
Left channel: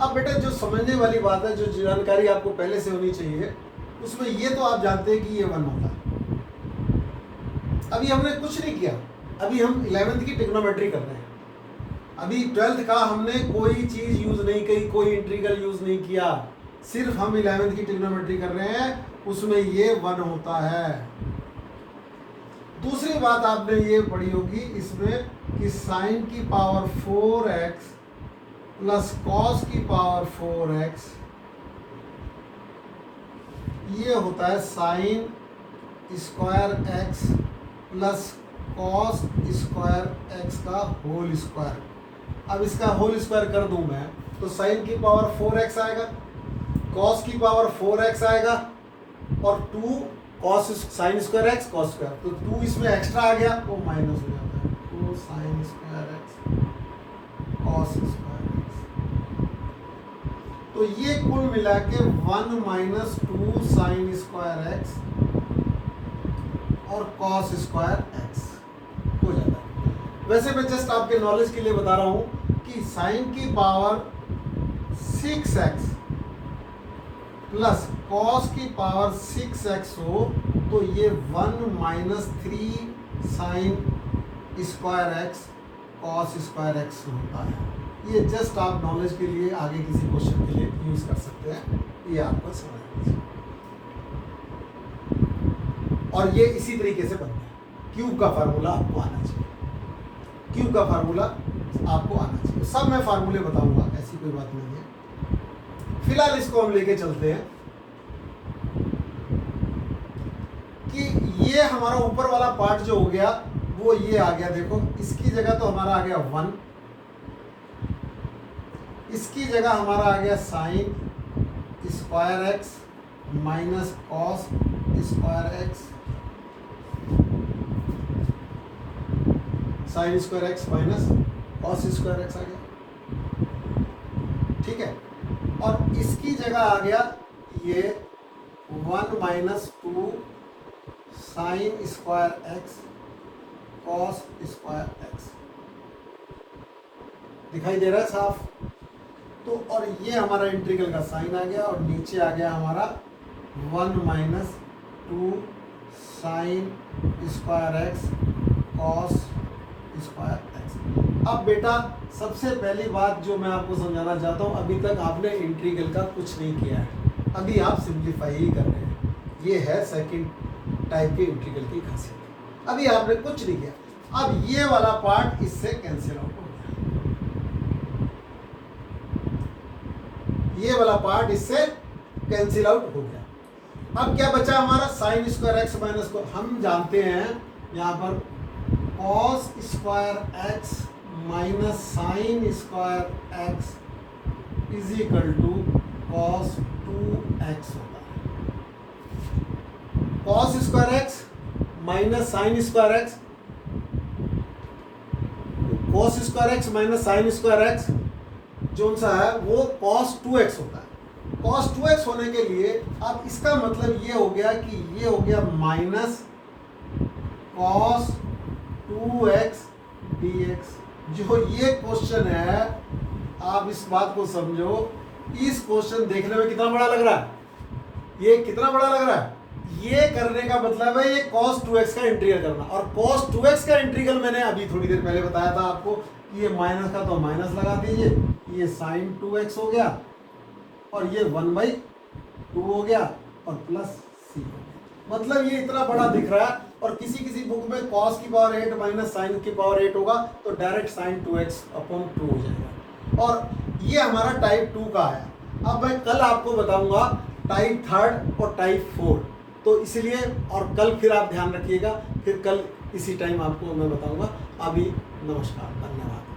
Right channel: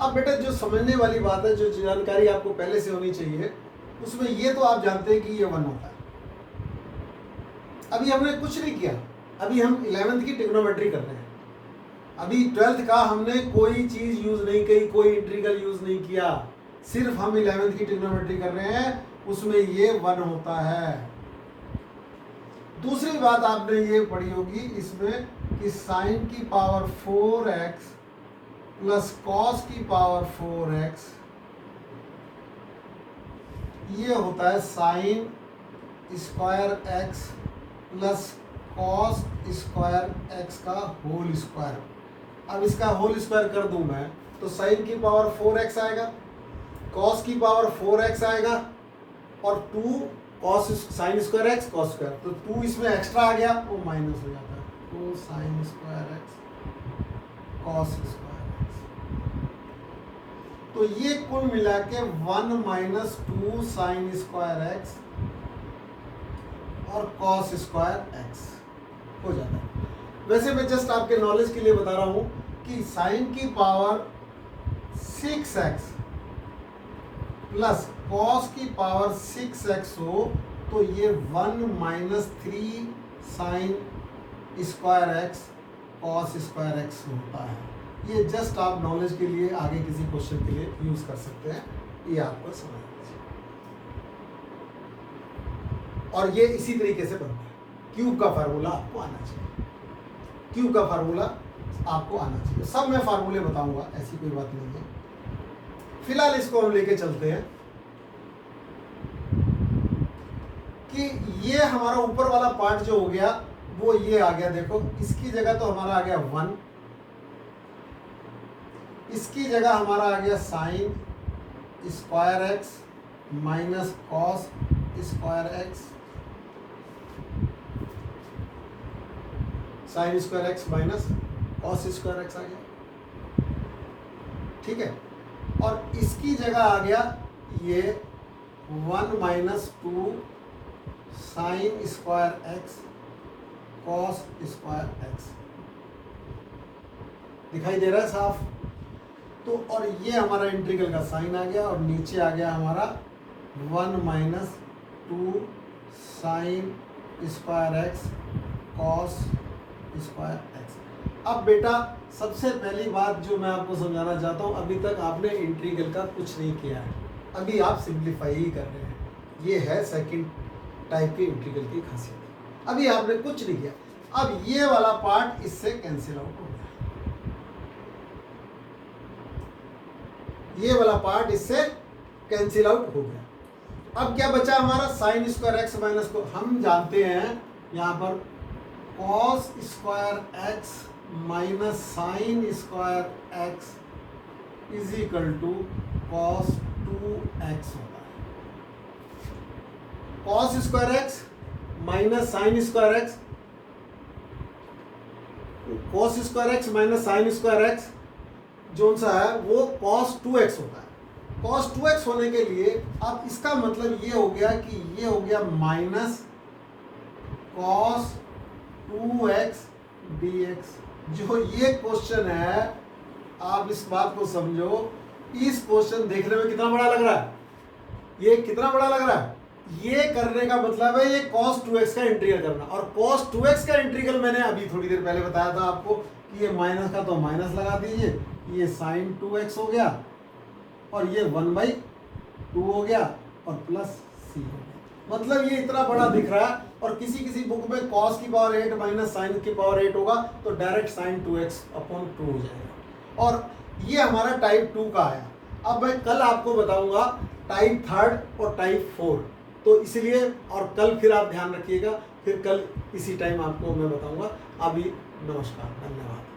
अब बेटा जो समझने वाली बात है, जो जानकारी आपको पहले से होनी चाहिए, उसमें ये तो आप जानते हैं कि ये 1 होता है। अभी हमने कुछ नहीं किया, अभी हम 11th की ट्रिग्नोमेट्री कर रहे हैं। अभी 12th का हमने कोई चीज यूज नहीं की, कोई इंटीग्रल यूज नहीं किया, सिर्फ हम 11th की ट्रिग्नोमेट्री कर रहे हैं, उसमें ये 1 होता है। दूसरी बात आपने ये पढ़ी होगी इसमें कि साइन की पावर 4x प्लस कॉस की पावर 4x, ये होता है sine square x plus cos square x का होल स्क्वायर। अब इसका होल स्क्वायर कर दूं मैं तो साइन की पावर 4x आएगा, कॉस की पावर 4x आएगा और 2 cos sine square x cos square, तो 2 इसमें एक्स्ट्रा आ गया, वो माइनस हो जाता है, 2 sign square x cos square x. तो ये कुल मिला के 1 माइनस 2 साइन स्क्वायर एक्स और कॉस स्क्वायर एक्स हो जाता है। वैसे मैं जस्ट आपके नॉलेज के लिए बता रहा हूं कि साइन की पावर 6x प्लस कॉस की पावर 6x हो तो ये 1 minus 3 sign square x cos square x होता है। ये जस्ट आप नॉलेज के लिए आगे किसी क्वेश्चन के लिए यूज कर सकते हैं, ये आपको समझना चाहिए। और ये इसी तरीके से बनता है। क्यूब का फार्मूला आपको आना चाहिए, क्यूब का फार्मूला आपको आना चाहिए। सब मैं फार्मूले बताऊंगा, ऐसी कोई बात नहीं है। फिलहाल इसको हम लेके चलते हैं कि ये हमारा ऊपर वाला पार्ट जो हो गया वो ये आ गया। देखो इसकी जगह तो हमारा आ गया 1, इसकी जगह हमारा आ गया sine square x minus cos square x, sine square x minus cos square x आ गया, ठीक है। और इसकी जगह आ गया ये 1 minus 2 sign square x cos square x, दिखाई दे रहा है साफ। तो और ये हमारा इंटीग्रल का साइन आ गया और नीचे आ गया हमारा 1 minus 2 sign square x cos square x. अब बेटा सबसे पहली बात जो मैं आपको समझाना चाहता हूँ, अभी तक आपने इंटीग्रल का कुछ नहीं किया है। अभी आप सिंप्लीफाई ही कर रहे हैं। ये है सेकंड टाइप के इंटीग्रल की खासियत। अभी आपने कुछ नहीं किया, अब ये वाला पार्ट इससे कैंसिल आउट हो गया, ये वाला पार्ट इससे कैंसिल आउट हो गया। अब क्या बचा हमारा साइन स्क्वायर एक्स माइनस को, हम जानते हैं यहाँ पर cos square x minus sine square x is equal to cos 2x होता है। Cos square x minus sine square x, cos square x minus sine square x जो सा है वो कॉस 2x होता है। कॉस 2x होने के लिए अब इसका मतलब ये हो गया कि ये हो गया माइनस कॉस 2x dx। जो ये क्वेश्चन है, आप इस बात को समझो, इस क्वेश्चन देखने में कितना बड़ा लग रहा है, ये कितना बड़ा लग रहा है। ये करने का मतलब है ये cos 2x का इंटीग्रल करना, और cos 2x का इंटीग्रल मैंने अभी थोड़ी देर पहले बताया था आपको कि ये माइनस का तो माइनस लगा दीजिए, ये sin 2x हो गया और ये 1/2 हो गया और प्लस c हो गया। मतलब ये इतना बड़ा दिख रहा है, और किसी किसी बुक में cos की पावर 8 माइनस साइन की पावर 8 होगा तो डायरेक्ट sin 2x/2 हो जाएगा। और ये हमारा टाइप 2 का है। अब मैं कल आपको बताऊंगा टाइप 3 और टाइप 4, तो इसलिए, और कल फिर आप ध्यान रखिएगा, फिर कल इसी टाइम आपको मैं बताऊंगा। अभी नमस्कार, धन्यवाद।